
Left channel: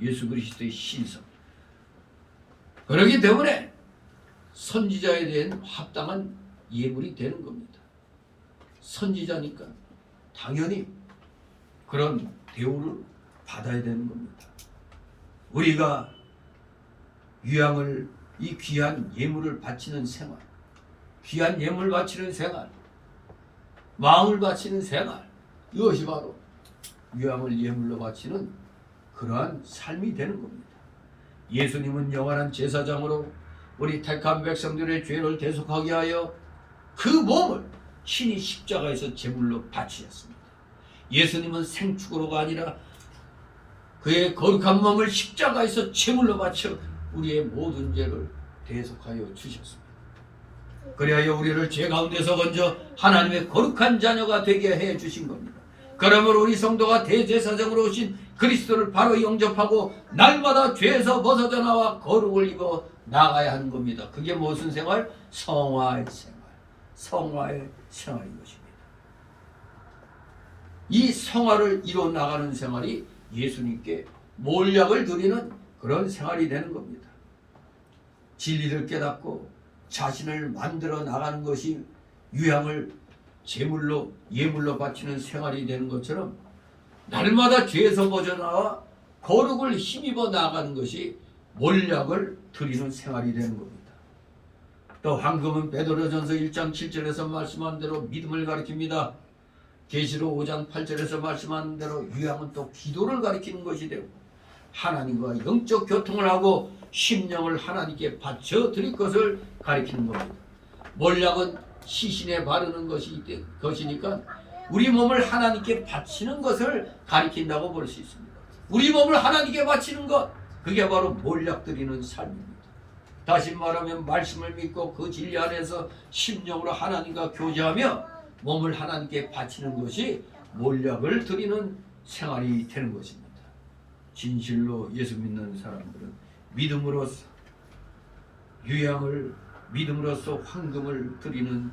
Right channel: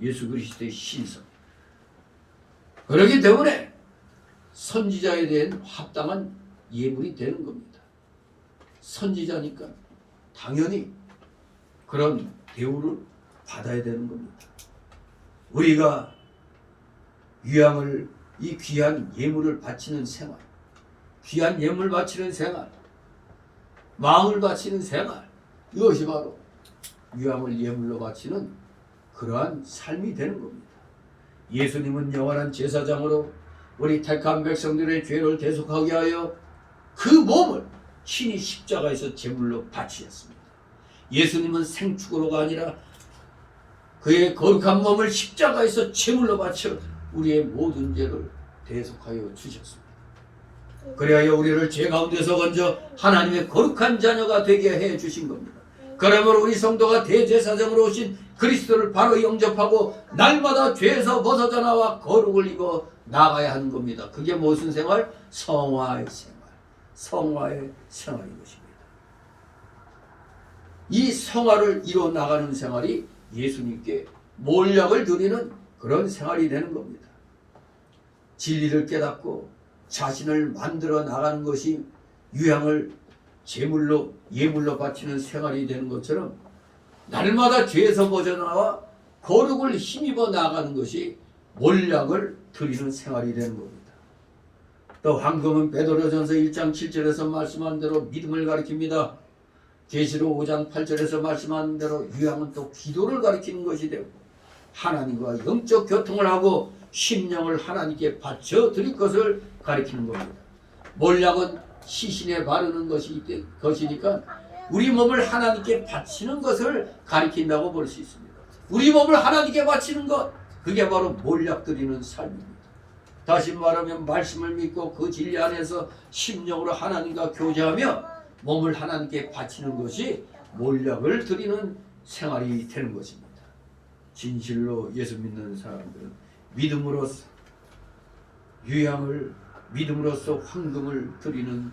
예수 그리스도의 신성. 그렇기 때문에 선지자에 대한 합당한 예물이 되는 겁니다. 선지자니까 당연히 그런 대우를 받아야 되는 겁니다. 우리가 유향을 이 귀한 예물을 바치는 생활, 귀한 예물 바치는 생활, 마음을 바치는 생활, 이것이 바로 유향을 예물로 바치는 그러한 삶이 되는 겁니다. 예수님은 영원한 제사장으로 우리 택한 백성들의 죄를 대속하게 하여 그 몸을 친히 십자가에서 제물로 바치셨습니다. 예수님은 생축으로가 아니라 그의 거룩한 몸을 십자가에서 제물로 바쳐 우리의 모든 죄를 대속하여 주셨습니다. 그리하여 우리를 죄 가운데서 건져 하나님의 거룩한 자녀가 되게 해 주신 겁니다. 그러므로 우리 성도가 대제사장으로 오신 그리스도를 바로 영접하고 날마다 죄에서 벗어져 나와 거룩을 입어 나가야 하는 겁니다. 그게 무슨 생활? 성화의 생활. 성화의 생활인 것입니다. 이 성화를 이루어 나가는 생활이 예수님께 몰약을 드리는 그런 생활이 되는 겁니다. 진리를 깨닫고 자신을 만들어 나가는 것이 유향을 제물로 예물로 바치는 생활이 되는 것처럼 날마다 죄에서 벗어나와 거룩을 힘입어 나가는 것이 몰약을 드리는 생활이 되는 겁니다. 또 황금은 베드로전서 1장 7절에서 말씀한 대로 믿음을 가리킵니다. 계시록 5장 8절에서 말씀한 대로 유향은 또 기도를 가리키는 것이 되고 하나님과 영적 교통을 하고 심령을 하나님께 바쳐 드릴 것을 가리키는 겁니다. 몰약은 시신에 바르는 것이니까 우리 몸을 하나님께 바치는 것을 가리킨다고 볼 수 있습니다. 우리 몸을 하나님께 바치는 것, 그게 바로 몰약 드리는 삶입니다. 다시 말하면 말씀을 믿고 그 진리 안에서 심령으로 하나님과 교제하며 몸을 하나님께 바치는 것이 몰약을 드리는 생활이 되는 것입니다. 진실로 예수 믿는 사람들은 믿음으로써 유향을, 믿음으로써 황금을 드리는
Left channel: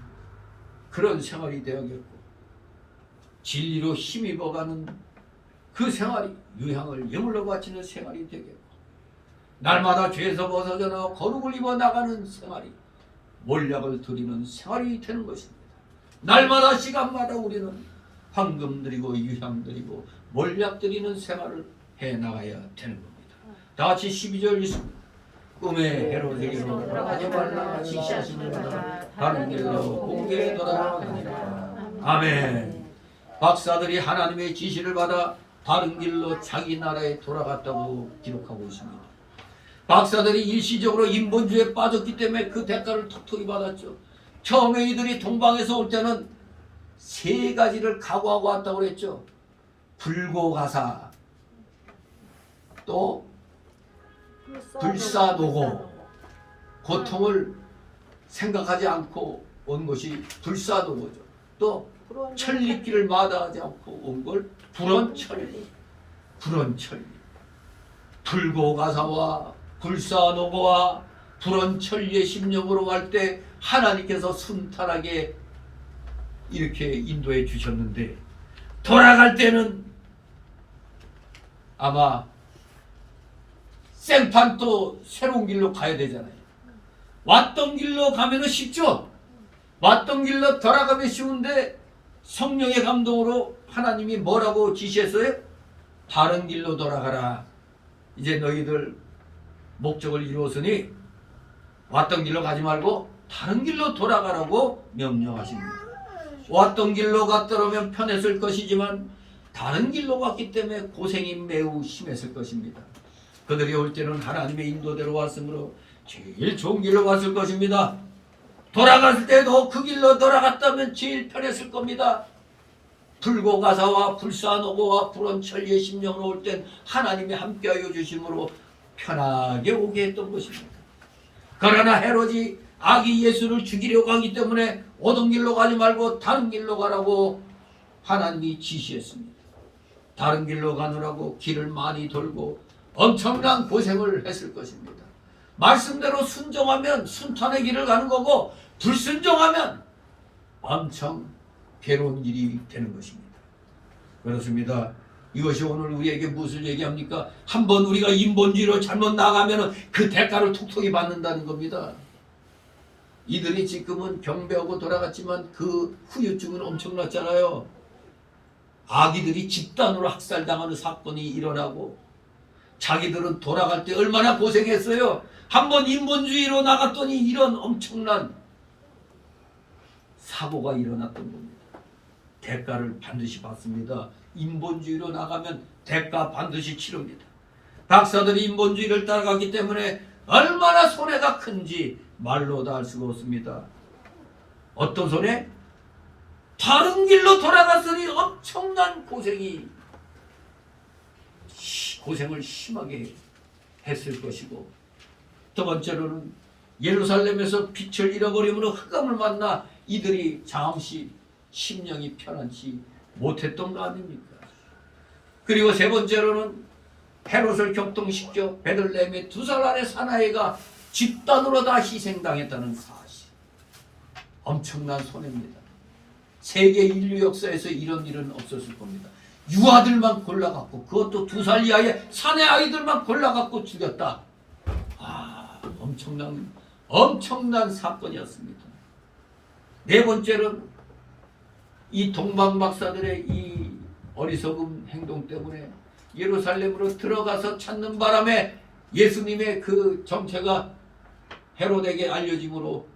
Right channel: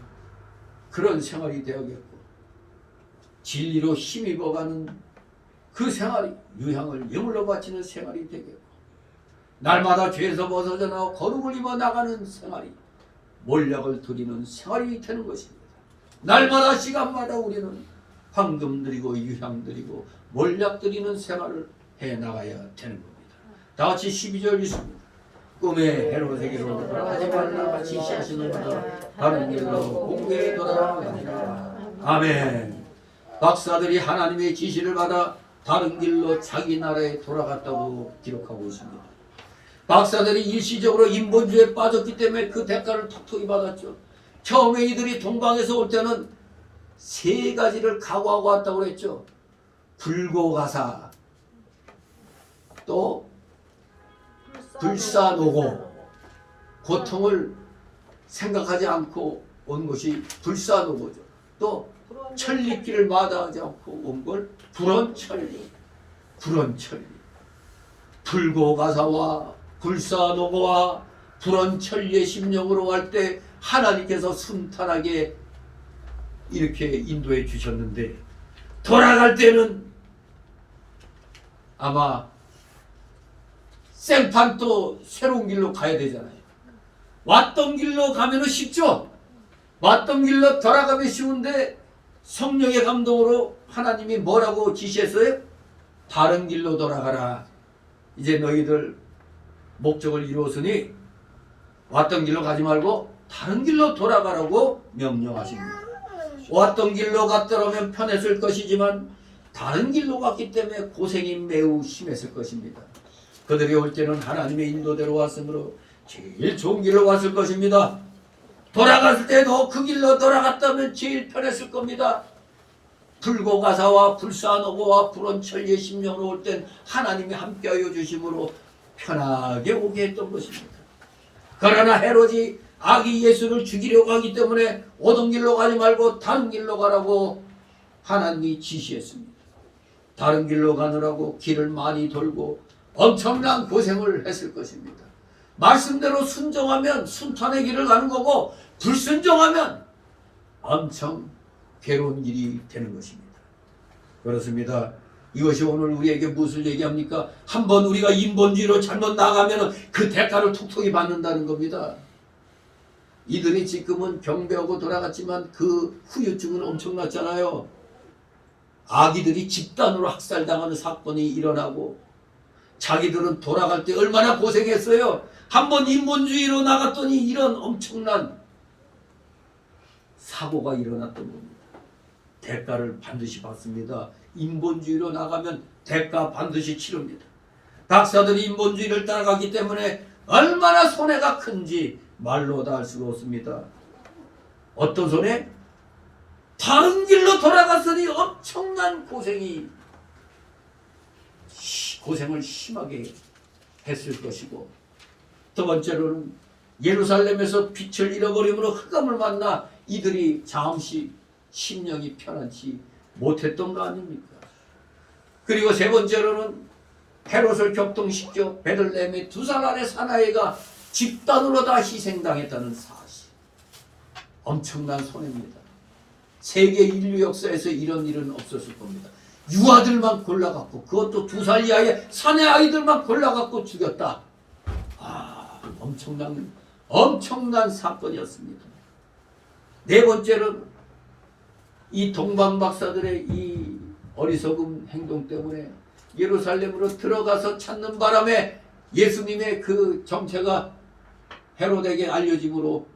그런 생활이 되어야겠고, 진리로 힘입어가는 그 생활이 유향을 예물로 바치는 생활이 되겠고, 날마다 죄에서 벗어져 나와 거룩을 입어 나가는 생활이 몰약을 드리는 생활이 되는 것입니다. 날마다 시간마다 우리는 황금 드리고 유향 드리고 몰약 드리는 생활을 해나가야 되는 겁니다. 다 같이 12절 읽습니다. 꿈에 헤롯에게로 돌아가지 말라 지시하시는구나 다른 길로 공개에 돌아가니라. 아멘. 박사들이 하나님의 지시를 받아 다른 길로 자기 나라에 돌아갔다고 기록하고 있습니다. 박사들이 일시적으로 인본주의에 빠졌기 때문에 그 대가를 톡톡히 받았죠. 처음에 이들이 동방에서 올 때는 세 가지를 각오하고 왔다고 그랬죠. 불고가사, 또 불사노고, 고통을 생각하지 않고 온 것이 불사노고죠. 또 천리길을 마다하지 않고 온 걸 불언천리. 불고가사와 불사노고와 불언천리의 심령으로 갈 때 하나님께서 순탄하게 이렇게 인도해 주셨는데, 돌아갈 때는 아마 생판 또 새로운 길로 가야 되잖아요. 왔던 길로 가면은 쉽죠. 왔던 길로 돌아가면 쉬운데 성령의 감동으로 하나님이 뭐라고 지시했어요? 다른 길로 돌아가라. 이제 너희들 목적을 이루었으니 왔던 길로 가지 말고 다른 길로 돌아가라고 명령하십니다. 왔던 길로 갔더라면 편했을 것이지만 다른 길로 갔기 때문에 고생이 매우 심했을 것입니다. 그들이 올 때는 하나님의 인도대로 왔으므로 제일 좋은 길로 왔을 것입니다. 돌아갈 때도 그 길로 돌아갔다면 제일 편했을 겁니다. 불고가사와 불사노고와 불언천리의 심령으로 올 땐 하나님이 함께하여 주심으로 편하게 오게 했던 것입니다. 그러나 헤롯이 아기 예수를 죽이려고 하기 때문에 오던 길로 가지 말고 다른 길로 가라고 하나님이 지시했습니다. 다른 길로 가느라고 길을 많이 돌고 엄청난 고생을 했을 것입니다. 말씀대로 순종하면 순탄의 길을 가는 거고, 불순종하면 엄청 괴로운 길이 되는 것입니다. 그렇습니다. 이것이 오늘 우리에게 무엇을 얘기합니까? 한번 우리가 인본주의로 잘못 나가면 그 대가를 톡톡히 받는다는 겁니다. 이들이 지금은 경배하고 돌아갔지만 그 후유증은 엄청났잖아요. 아기들이 집단으로 학살당하는 사건이 일어나고, 자기들은 돌아갈 때 얼마나 고생했어요. 한번 인본주의로 나갔더니 이런 엄청난 사고가 일어났던 겁니다. 대가를 반드시 받습니다. 인본주의로 나가면 대가 반드시 치릅니다. 박사들이 인본주의를 따라가기 때문에 얼마나 손해가 큰지 말로 다 알 수가 없습니다. 어떤 손해? 다른 길로 돌아갔으니 엄청난 고생을 심하게 했을 것이고, 두 번째로는 예루살렘에서 빛을 잃어버림으로 흑암을 만나 이들이 잠시 심령이 편안치 못했던 거 아닙니까? 그리고 세 번째로는 헤롯을 격동시켜 베들레헴의 2살 아래 사나이가 집단으로 다 희생당했다는 사실. 엄청난 손해입니다. 세계 인류 역사에서 이런 일은 없었을 겁니다. 유아들만 골라갖고, 그것도 2살 이하의 사내 아이들만 골라갖고 죽였다. 엄청난 사건이었습니다. 네 번째는 이 동방 박사들의 이 어리석은 행동 때문에 예루살렘으로 들어가서 찾는 바람에 예수님의 그 정체가 헤롯에게 알려짐으로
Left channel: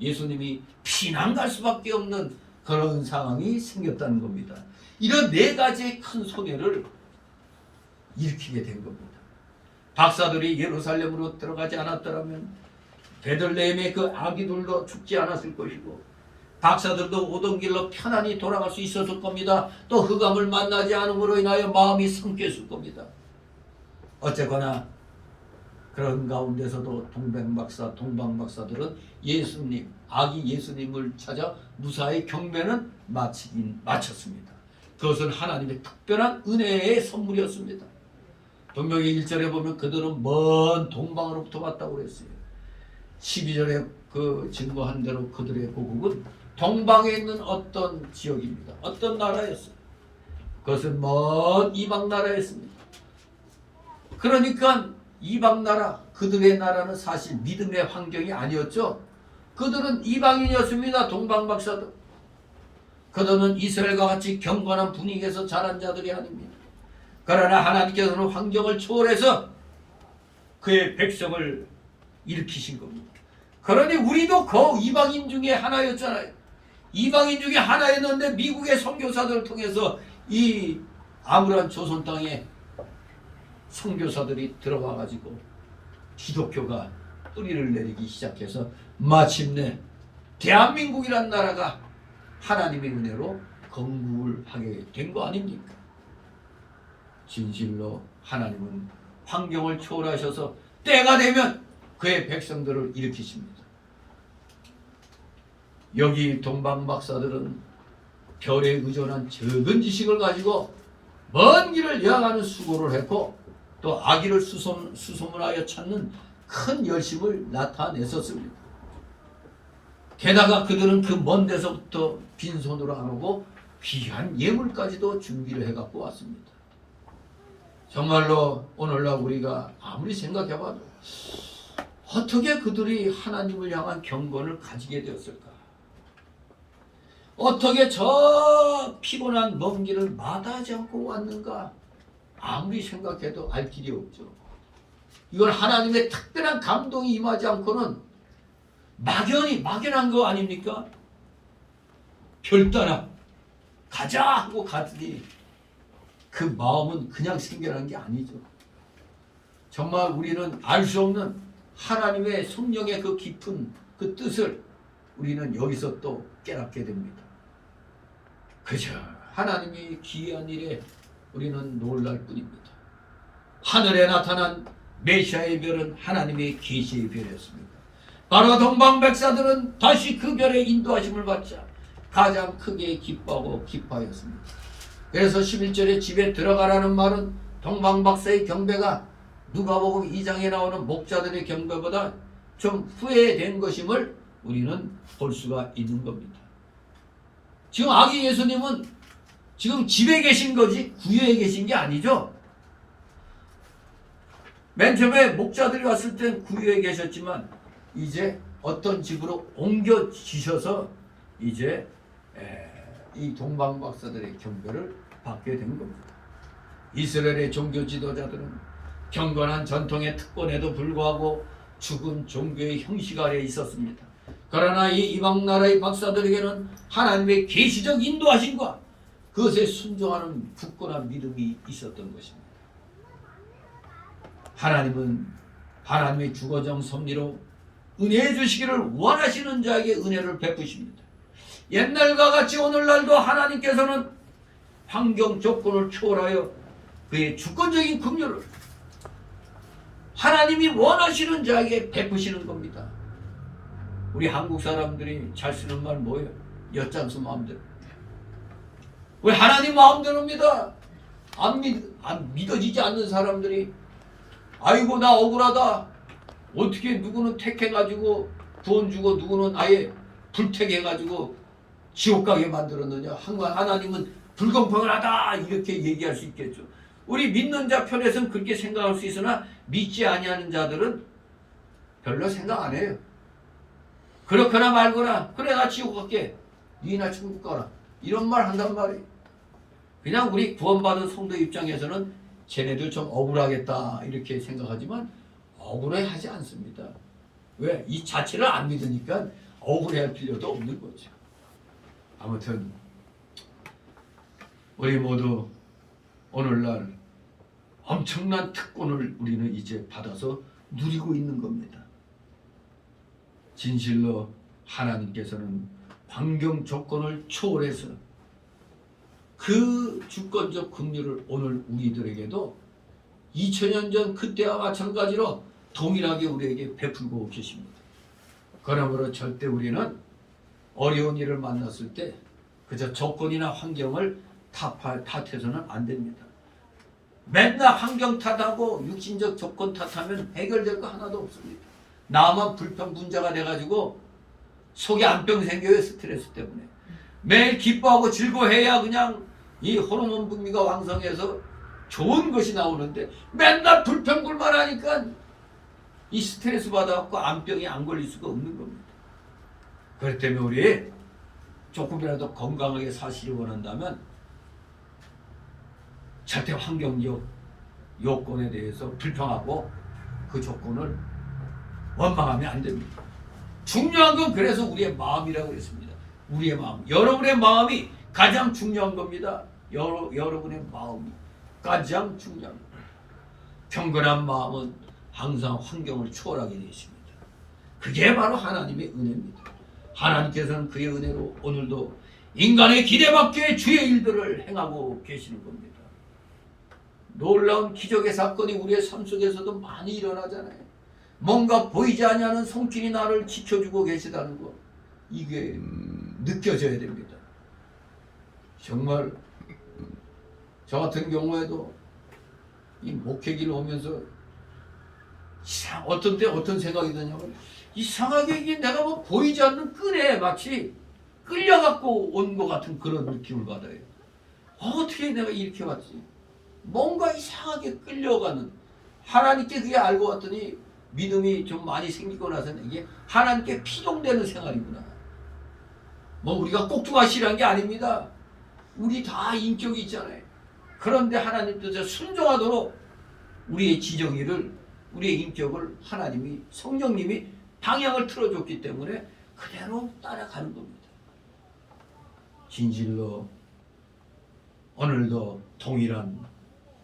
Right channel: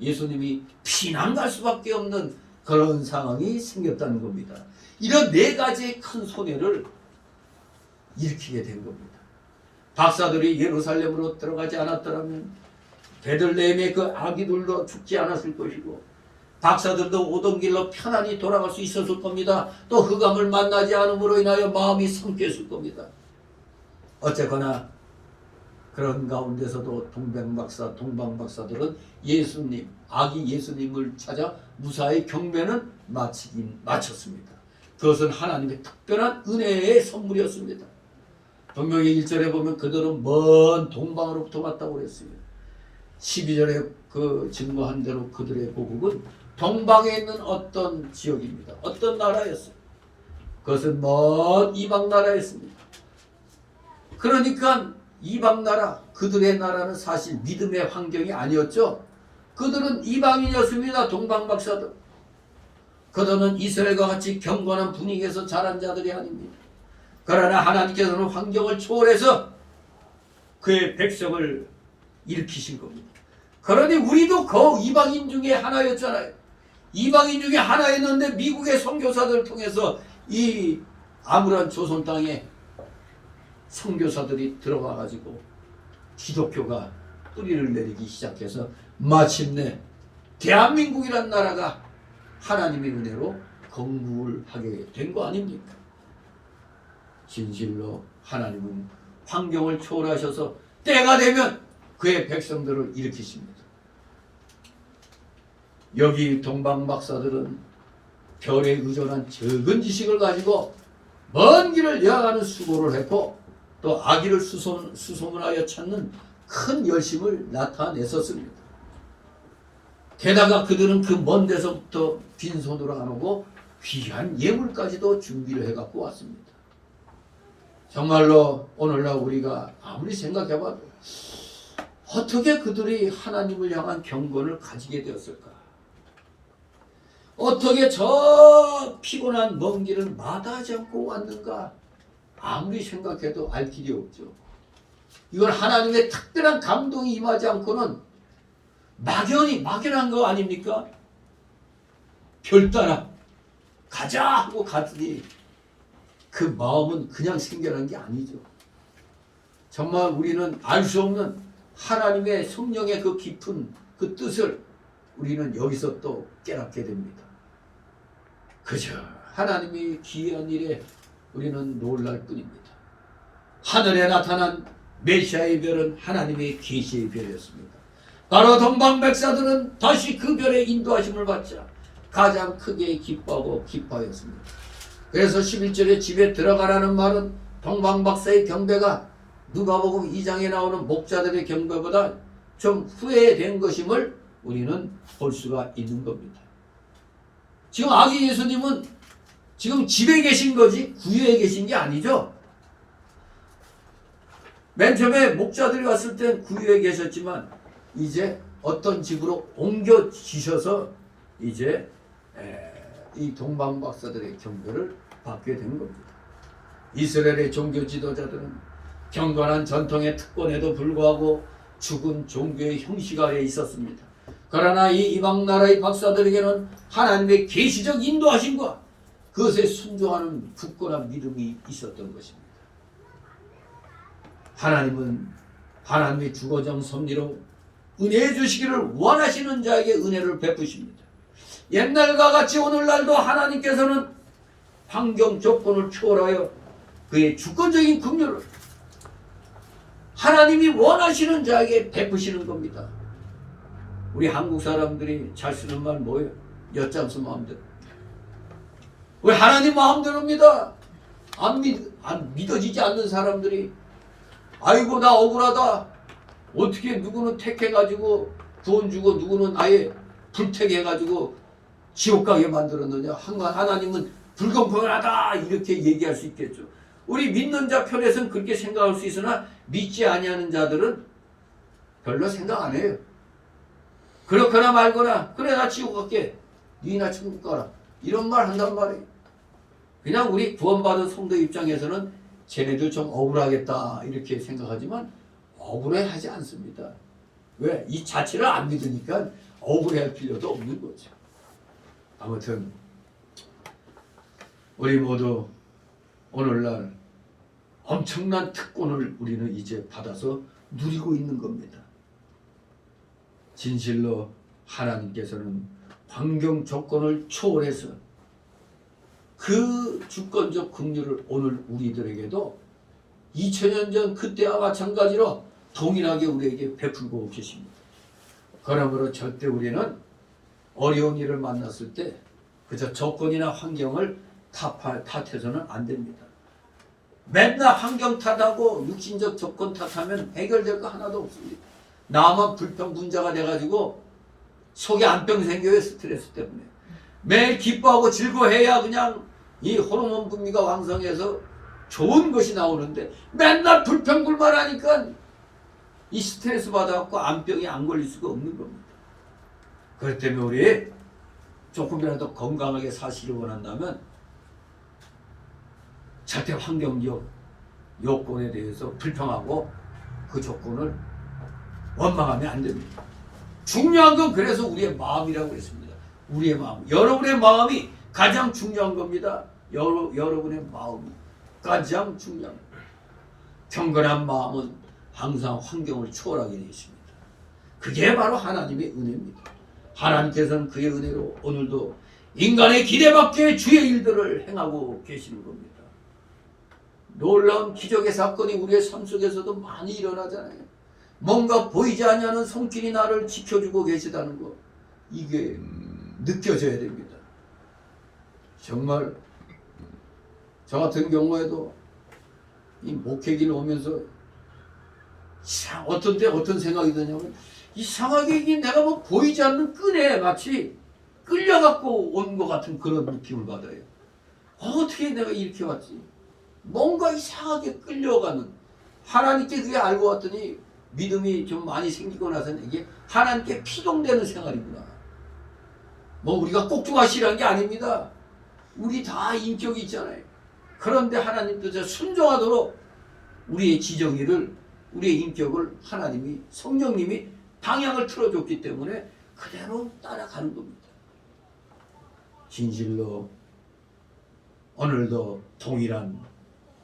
예수님이 피난 갈 수밖에 없는 그런 상황이 생겼다는 겁니다. 이런 네 가지의 큰 손해를 일으키게 된 겁니다. 박사들이 예루살렘으로 들어가지 않았더라면 베들레헴의 그 아기들도 죽지 않았을 것이고 박사들도 오던 길로 편안히 돌아갈 수 있었을 겁니다. 또 흑암을 만나지 않음으로 인하여 마음이 상쾌했을 겁니다. 어쨌거나 그런 가운데서도 동방박사들은 예수님, 아기 예수님을 찾아 무사히 경배는 마쳤습니다. 그것은 하나님의 특별한 은혜의 선물이었습니다. 분명히 1절에 보면 그들은 먼 동방으로부터 왔다고 그랬어요. 12절에 그 증거한 대로 그들의 고국은 동방에 있는 어떤 지역입니다. 어떤 나라였어요. 그것은 먼 이방 나라였습니다. 그러니까 이방 나라, 그들의 나라는 사실 믿음의 환경이 아니었죠. 그들은 이방인이었습니다. 동방박사들. 그들은 이스라엘과 같이 경건한 분위기에서 자란 자들이 아닙니다. 그러나 하나님께서는 환경을 초월해서 그의 백성을 일으키신 겁니다. 그러니 우리도 그 이방인 중에 하나였잖아요. 이방인 중에 하나였는데 미국의 선교사들을 통해서 이 아무런 조선 땅에 선교사들이 들어가가지고 기독교가 뿌리를 내리기 시작해서 마침내 대한민국이란 나라가 하나님의 은혜로 건국하게 된 거 아닙니까? 진실로 하나님은 환경을 초월하셔서 때가 되면 그의 백성들을 일으키십니다. 여기 동방박사들은 별에 의존한 적은 지식을 가지고 먼 길을 여행하는 수고를 했고 또 아기를 수소문하여 찾는 큰 열심을 나타냈었습니다. 게다가 그들은 그 먼 데서부터 빈손으로 안 오고 귀한 예물까지도 준비를 해갖고 왔습니다. 정말로 오늘날 우리가 아무리 생각해봐도 어떻게 그들이 하나님을 향한 경건을 가지게 되었을까? 어떻게 저 피곤한 먼 길을 마다하지 않고 왔는가? 아무리 생각해도 알 길이 없죠. 이건 하나님의 특별한 감동이 임하지 않고는 막연한 거 아닙니까? 별 따라 가자 하고 갔더니 그 마음은 그냥 생겨난 게 아니죠. 정말 우리는 알 수 없는 하나님의 성령의 그 깊은 그 뜻을 우리는 여기서 또 깨닫게 됩니다. 그저 하나님이 기이한 일에 우리는 놀랄 뿐입니다. 하늘에 나타난 메시아의 별은 하나님의 계시의 별이었습니다. 바로 동방백사들은 다시 그 별의 인도하심을 받자 가장 크게 기뻐하고 기뻐하였습니다. 그래서 11절에 집에 들어가라는 말은 동방박사의 경배가 누가복음 2장에 나오는 목자들의 경배보다 좀 후회된 것임을 우리는 볼 수가 있는 겁니다. 지금 아기 예수님은 지금 집에 계신 거지 구유에 계신 게 아니죠. 맨 처음에 목자들이 왔을 땐 구유에 계셨지만 이제 어떤 집으로 옮겨지셔서 이제 이 동방박사들의 경배를 받게 된 겁니다. 이스라엘의 종교 지도자들은 경건한 전통의 특권에도 불구하고 죽은 종교의 형식 아래에 있었습니다. 그러나 이 이방 나라의 박사들에게는 하나님의 계시적 인도하심과 그것에 순종하는 굳건한 믿음이 있었던 것입니다. 하나님은 하나님의 주거정 섭리로 은혜해 주시기를 원하시는 자에게 은혜를 베푸십니다. 옛날과 같이 오늘날도 하나님께서는 환경 조건을 초월하여 그의 주권적인 긍휼을 하나님이 원하시는 자에게 베푸시는 겁니다. 우리 한국 사람들이 잘 쓰는 말 뭐예요? 엿장수 마음대로. 왜 하나님 마음대로입니다. 안 믿어지지 않는 사람들이 아이고 나 억울하다. 어떻게 누구는 택해가지고 구원 주고 누구는 아예 불택해가지고 지옥 가게 만들었느냐. 하나님은 불공평하다 이렇게 얘기할 수 있겠죠. 우리 믿는 자 편에서는 그렇게 생각할 수 있으나 믿지 아니하는 자들은 별로 생각 안 해요. 그렇거나 말거나 그래 나 지옥 갈게 니나 천국 가라 이런 말 한단 말이에요. 그냥 우리 구원받은 성도 입장에서는 쟤네들 좀 억울하겠다 이렇게 생각하지만 억울해하지 않습니다. 왜? 이 자체를 안 믿으니까 억울해할 필요도 없는 거죠. 아무튼 우리 모두 오늘날 엄청난 특권을 우리는 이제 받아서 누리고 있는 겁니다. 진실로 하나님께서는 환경 조건을 초월해서 그 주권적 긍휼을 오늘 우리들에게도 2000년 전 그때와 마찬가지로 동일하게 우리에게 베풀고 계십니다. 그러므로 절대 우리는 어려운 일을 만났을 때 그저 조건이나 환경을 탓해서는 안 됩니다. 맨날 환경 탓하고 육신적 조건 탓하면 해결될 거 하나도 없습니다. 나만 불평분자가 돼가지고 속에 안병 생겨요. 스트레스 때문에. 매일 기뻐하고 즐거워해야 그냥 이 호르몬 분비가 왕성해서 좋은 것이 나오는데 맨날 불평불만 하니까 이 스트레스 받아갖고 안병이 안 걸릴 수가 없는 겁니다. 그렇기 때문에 우리 조금이라도 건강하게 사시를 원한다면 절대 환경적 요건에 대해서 불평하고 그 조건을 원망하면 안 됩니다. 중요한 건 그래서 우리의 마음이라고 했습니다. 우리의 마음, 여러분의 마음이 가장 중요한 겁니다. 여러분의 마음이 가장 중요한 겁니다. 경건한 마음은 항상 환경을 초월하게 되어 있습니다. 그게 바로 하나님의 은혜입니다. 하나님께서는 그의 은혜로 오늘도 인간의 기대 밖의 주의 일들을 행하고 계시는 겁니다. 놀라운 기적의 사건이 우리의 삶 속에서도 많이 일어나잖아요. 뭔가 보이지 않는 손길이 나를 지켜주고 계시다는 것, 이게 느껴져야 됩니다. 정말 저 같은 경우에도 이 목회기를 오면서 어떤 때 어떤 생각이 드냐면 이상하게 이게 내가 뭐 보이지 않는 끈에 마치 끌려갖고 온 것 같은 그런 느낌을 받아요. 어떻게 내가 이렇게 왔지? 뭔가 이상하게 끌려가는, 하나님께 그게 알고 왔더니 믿음이 좀 많이 생기고 나서는 이게 하나님께 피동되는 생활이구나. 뭐 우리가 꼭두가시라는 게 아닙니다. 우리 다 인격이 있잖아요. 그런데 하나님도 저 순종하도록 우리의 지정의를, 우리의 인격을 하나님이, 성령님이 방향을 틀어줬기 때문에 그대로 따라가는 겁니다. 진실로 오늘도 동일한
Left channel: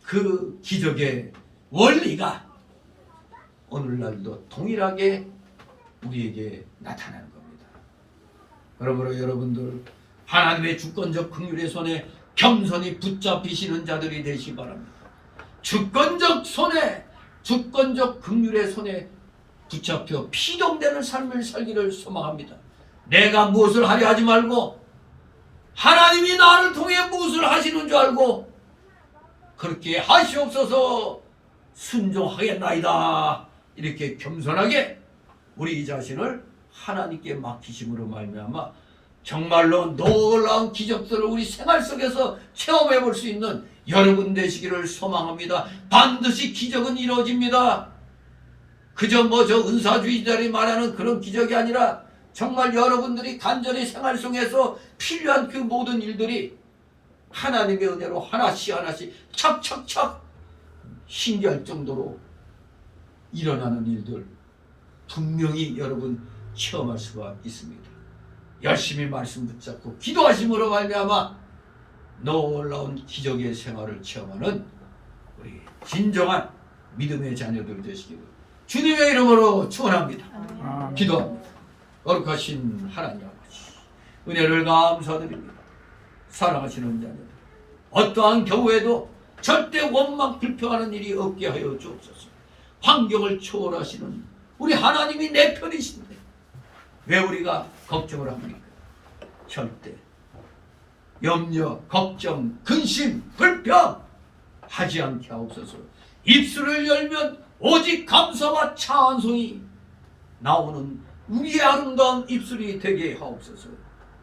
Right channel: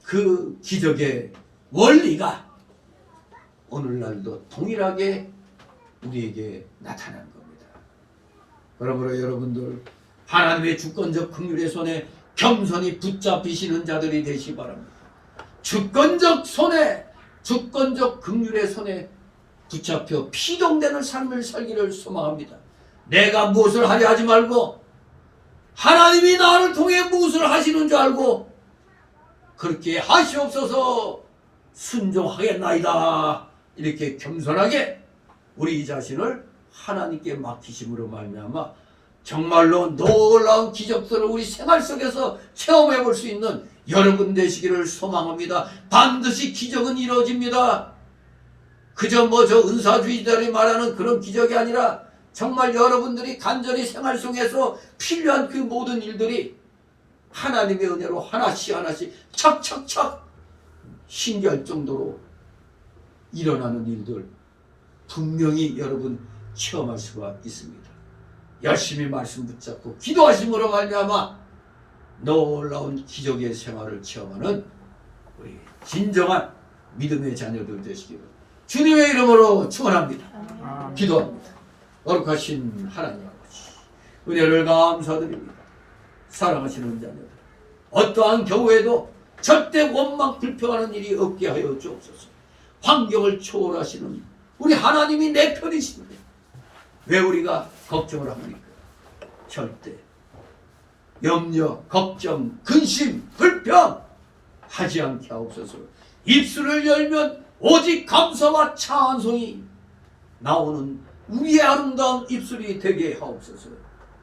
그 기적의 원리가 오늘날도 동일하게 우리에게 나타나는 겁니다. 그러므로 여러분들 하나님의 주권적 긍휼의 손에 겸손히 붙잡히시는 자들이 되시기 바랍니다. 주권적 손에, 주권적 긍휼의 손에 붙잡혀 피동되는 삶을 살기를 소망합니다. 내가 무엇을 하려 하지 말고 하나님이 나를 통해 무엇을 하시는 줄 알고 그렇게 하시옵소서, 순종하겠나이다. 이렇게 겸손하게 우리 자신을 하나님께 맡기심으로 말미암아 정말로 놀라운 기적들을 우리 생활 속에서 체험해 볼 수 있는 여러분 되시기를 소망합니다. 반드시 기적은 이루어집니다. 그저 뭐 저 은사주의자들이 말하는 그런 기적이 아니라 정말 여러분들이 간절히 생활 속에서 필요한 그 모든 일들이 하나님의 은혜로 하나씩 하나씩 착착착 신기할 정도로 일어나는 일들 분명히 여러분 체험할 수가 있습니다. 열심히 말씀 붙잡고 기도하심으로 말미암아 놀라운 기적의 생활을 체험하는 우리 진정한 믿음의 자녀들 되시기를 주님의 이름으로 축원합니다. 기도합니다. 거룩하신 하나님 아버지, 은혜를 감사드립니다. 사랑하시는 자녀들, 어떠한 경우에도 절대 원망 불평하는 일이 없게 하여 주옵소서. 환경을 초월하시는 우리 하나님이 내 편이신데 왜 우리가 걱정을 합니까? 절대 염려, 걱정, 근심, 불평 하지 않게 하옵소서. 입술을 열면 오직 감사와 찬송이 나오는 우리의 아름다운 입술이 되게 하옵소서.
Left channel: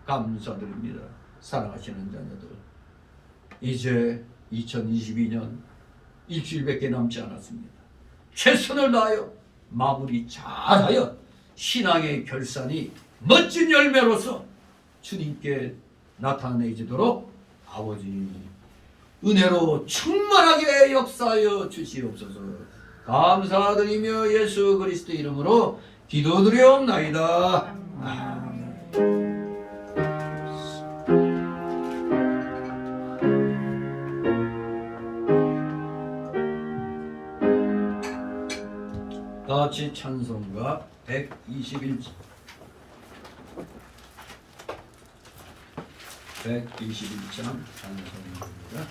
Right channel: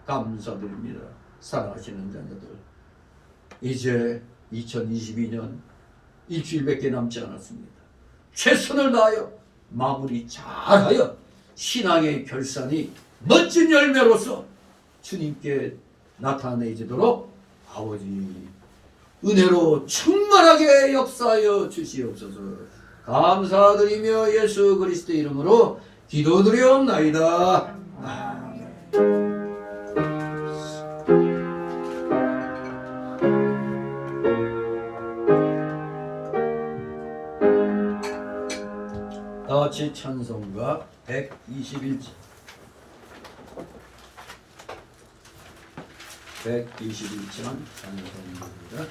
감사드립니다. 사랑하시는 자녀들, 이제 2022년 일주일밖에 남지 않았습니다. 최선을 다하여 마무리 잘하여 신앙의 결산이 멋진 열매로서 주님께 나타내지도록 아버지 은혜로 충만하게 역사하여 주시옵소서. 감사드리며 예수 그리스도 이름으로 기도드리옵나이다. 아멘. 나치 찬송가 121장 121장 찬송가입니다.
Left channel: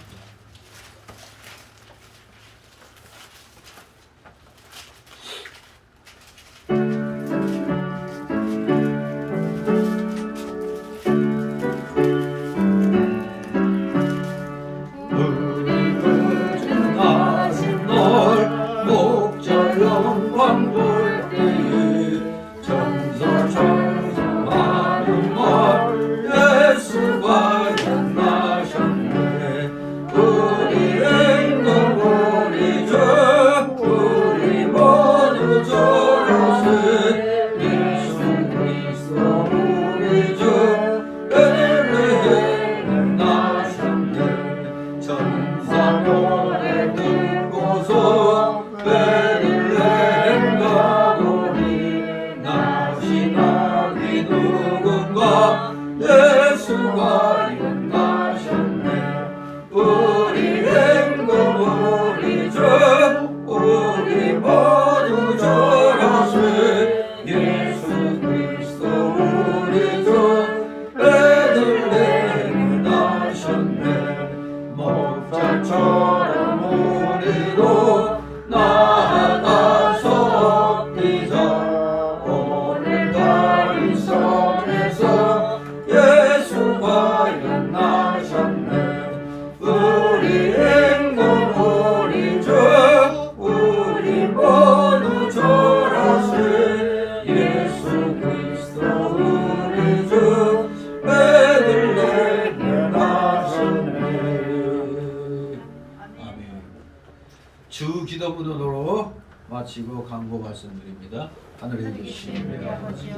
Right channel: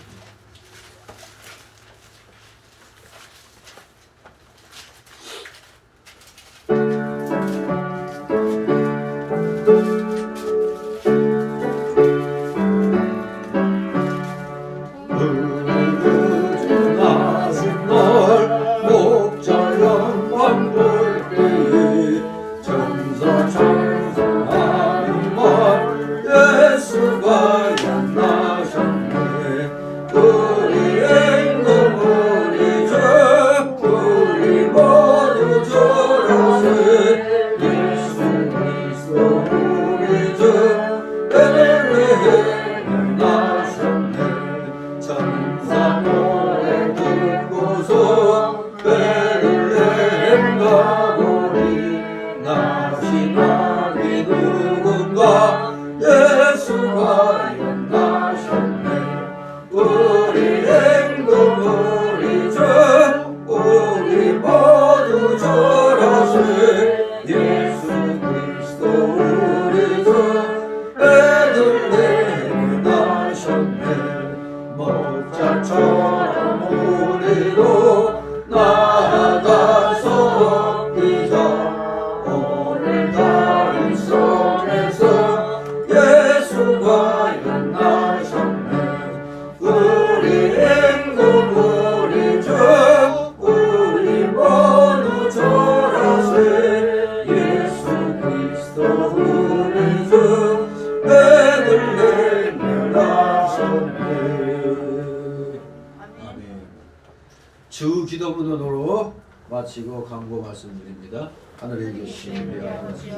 주 기도문으로 마치고 강고 말씀드립니다. 하늘에 계신 우리 아버지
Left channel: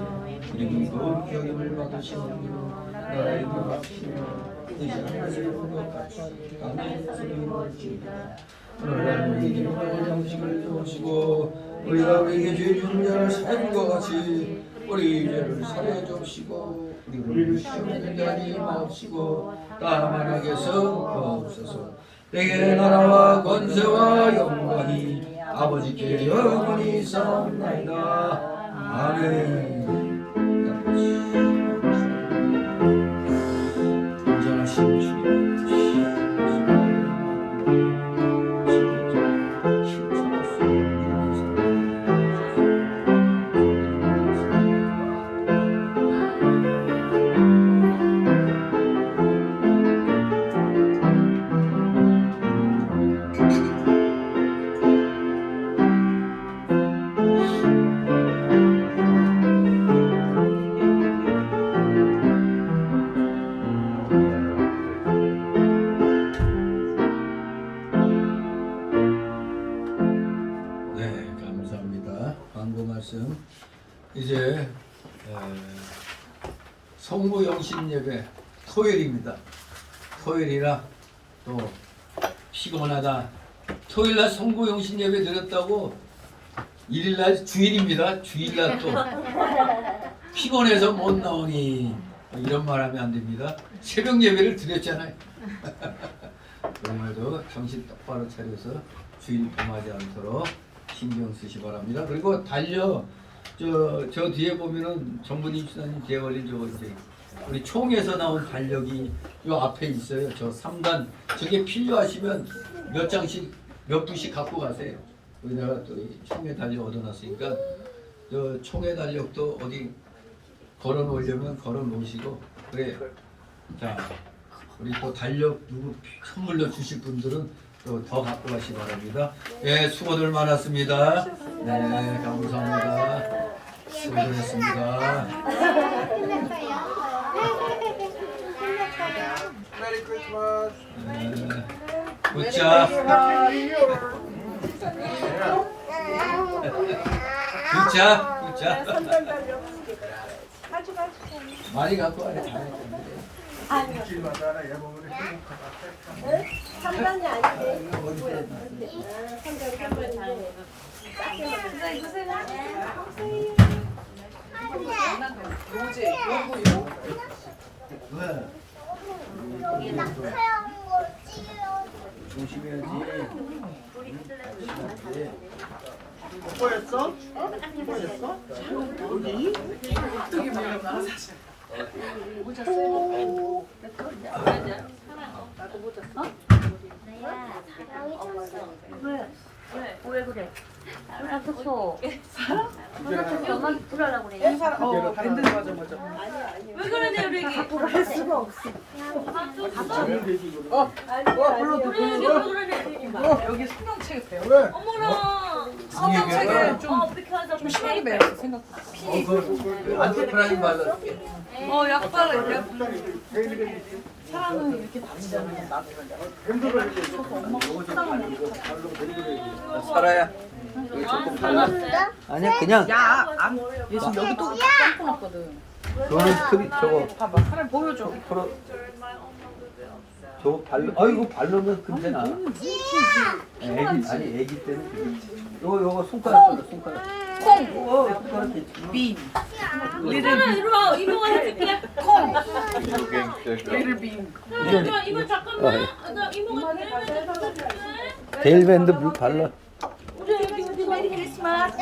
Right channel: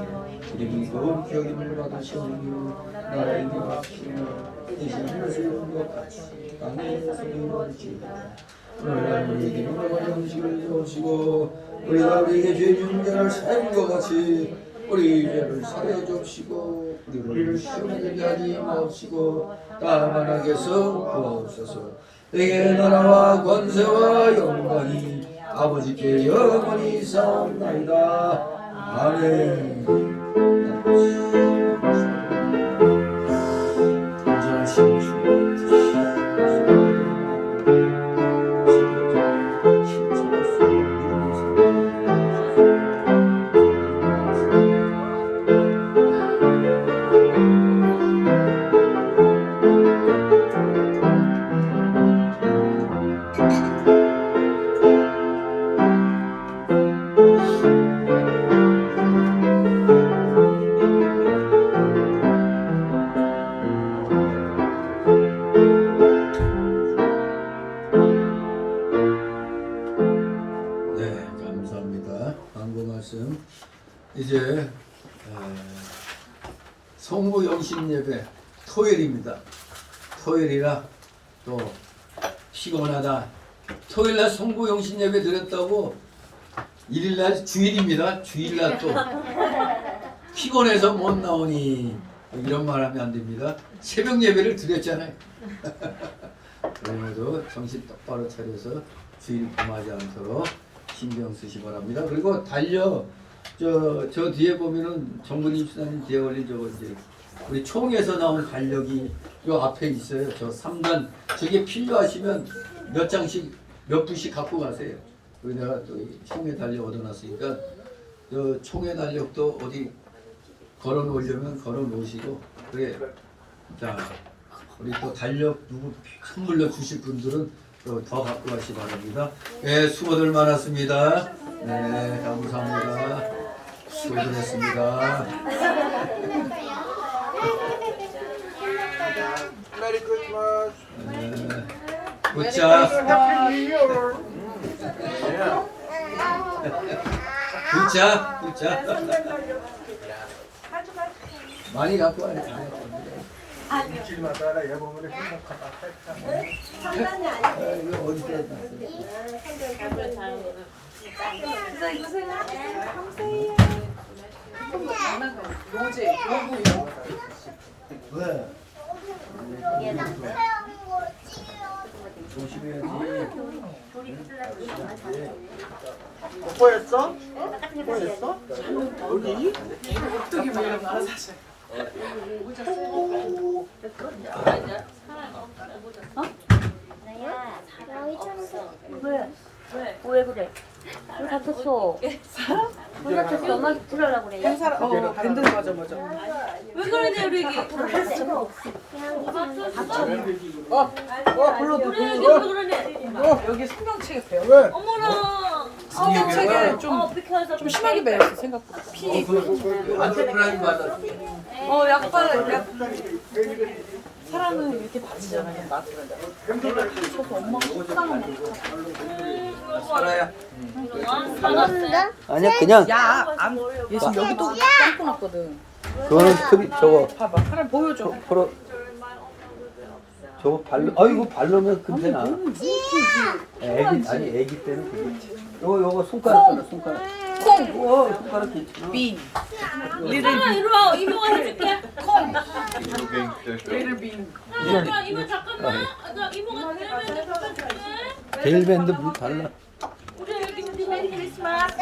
이름이 거룩히 여김을 받으시오며 나라의 임하시며 뜻이 하늘에서 이룬 것 같이 땅에서 이루어지이다. 오늘날 우리에게 일용할 음식을 주시고 우리가 우리에게 죄 지은 자를 사하는 것 같이 우리 죄를 사하여 주시고 우리를 시험에 들게 하지 마옵시고 다만 악에서 구하옵소서. 내게 나라와 권세와 영광이 아버지께 영원히 있사옵나이다. 아멘. 인정하신 주님 이제 성모 영신 예배 토요일입니다. 토요일이라 또 피곤하다. 토요일날 성모 영신 예배 드렸다고 일일날 주일입니다. 주일날 또 피곤해서 못 나오니 이런 말 하면 안 됩니다. 새벽 예배를 드렸잖아요. 오늘도 정신 똑바로 차려서 주일 범하지 않도록 신경 쓰시 바랍니다. 그리고 달려 저 뒤에 보면은 정부님 수사님 뒤에 올린 저거 이제 우리 총에서 나온 달력이 요 앞에 있어요. 저 3단 저게 필요하시면 몇 장씩 몇 분씩 갖고 가세요. 내가 또 총의 달력 얻어놨으니까 저 총의 달력도 어디 걸어 놓으려면 걸어 놓으시고 그래. 자 우리 또 달력 누구 선물로 주실 분들은 또 더 갖고 가시 바랍니다. 예, 수고들 많았습니다. 네, 감사합니다. 수고들 했습니다. Merry Christmas. 굿자. 굿자. 굿자. 많이 갖고 와야 돼. 지나 따라 여보면 행복하다. 상관이 아니고 이거 어디서 했나? 왜? 조심해야지. 뽀뽀했어? 뽀뽀했어? 어디? 어떻게 막 이런 거 알아서 하셔. 오. 왜 그래? 왜 다쳤어? 왜 다쳤어? 연락 들으라 그래. 밴드 맞아. 왜 그러냐 우리 애기. 할 수가 없어. 여기 성경책에 배워. 왜? 어머나. 성경책에 좀 심하게 배웠어 생각보다. 안테프라인 받았지. 약발을 사람은 이렇게 바르잖아. 밴드를 이렇게 살아야. 아니야 그냥 야안 얘 지금 여기 또 빵꾸 났거든. 그거는 스트리 저거 봐봐 사람 보여줘. 프로 저거 발로 이거 발로면 금세 나. 애기 아니 애기 때는 그렇지. 요거 손가락 써라 손가락. 콩. 손가락 괜찮아. 빈. 리를 이리 와 이모가 해줄게. 콩. Video game fish. 리를 빈. 이모 잠깐만. 나 이모가 내려면 해줄게. 데일밴드 물 발라. 우리 애기 메리 크리스마스.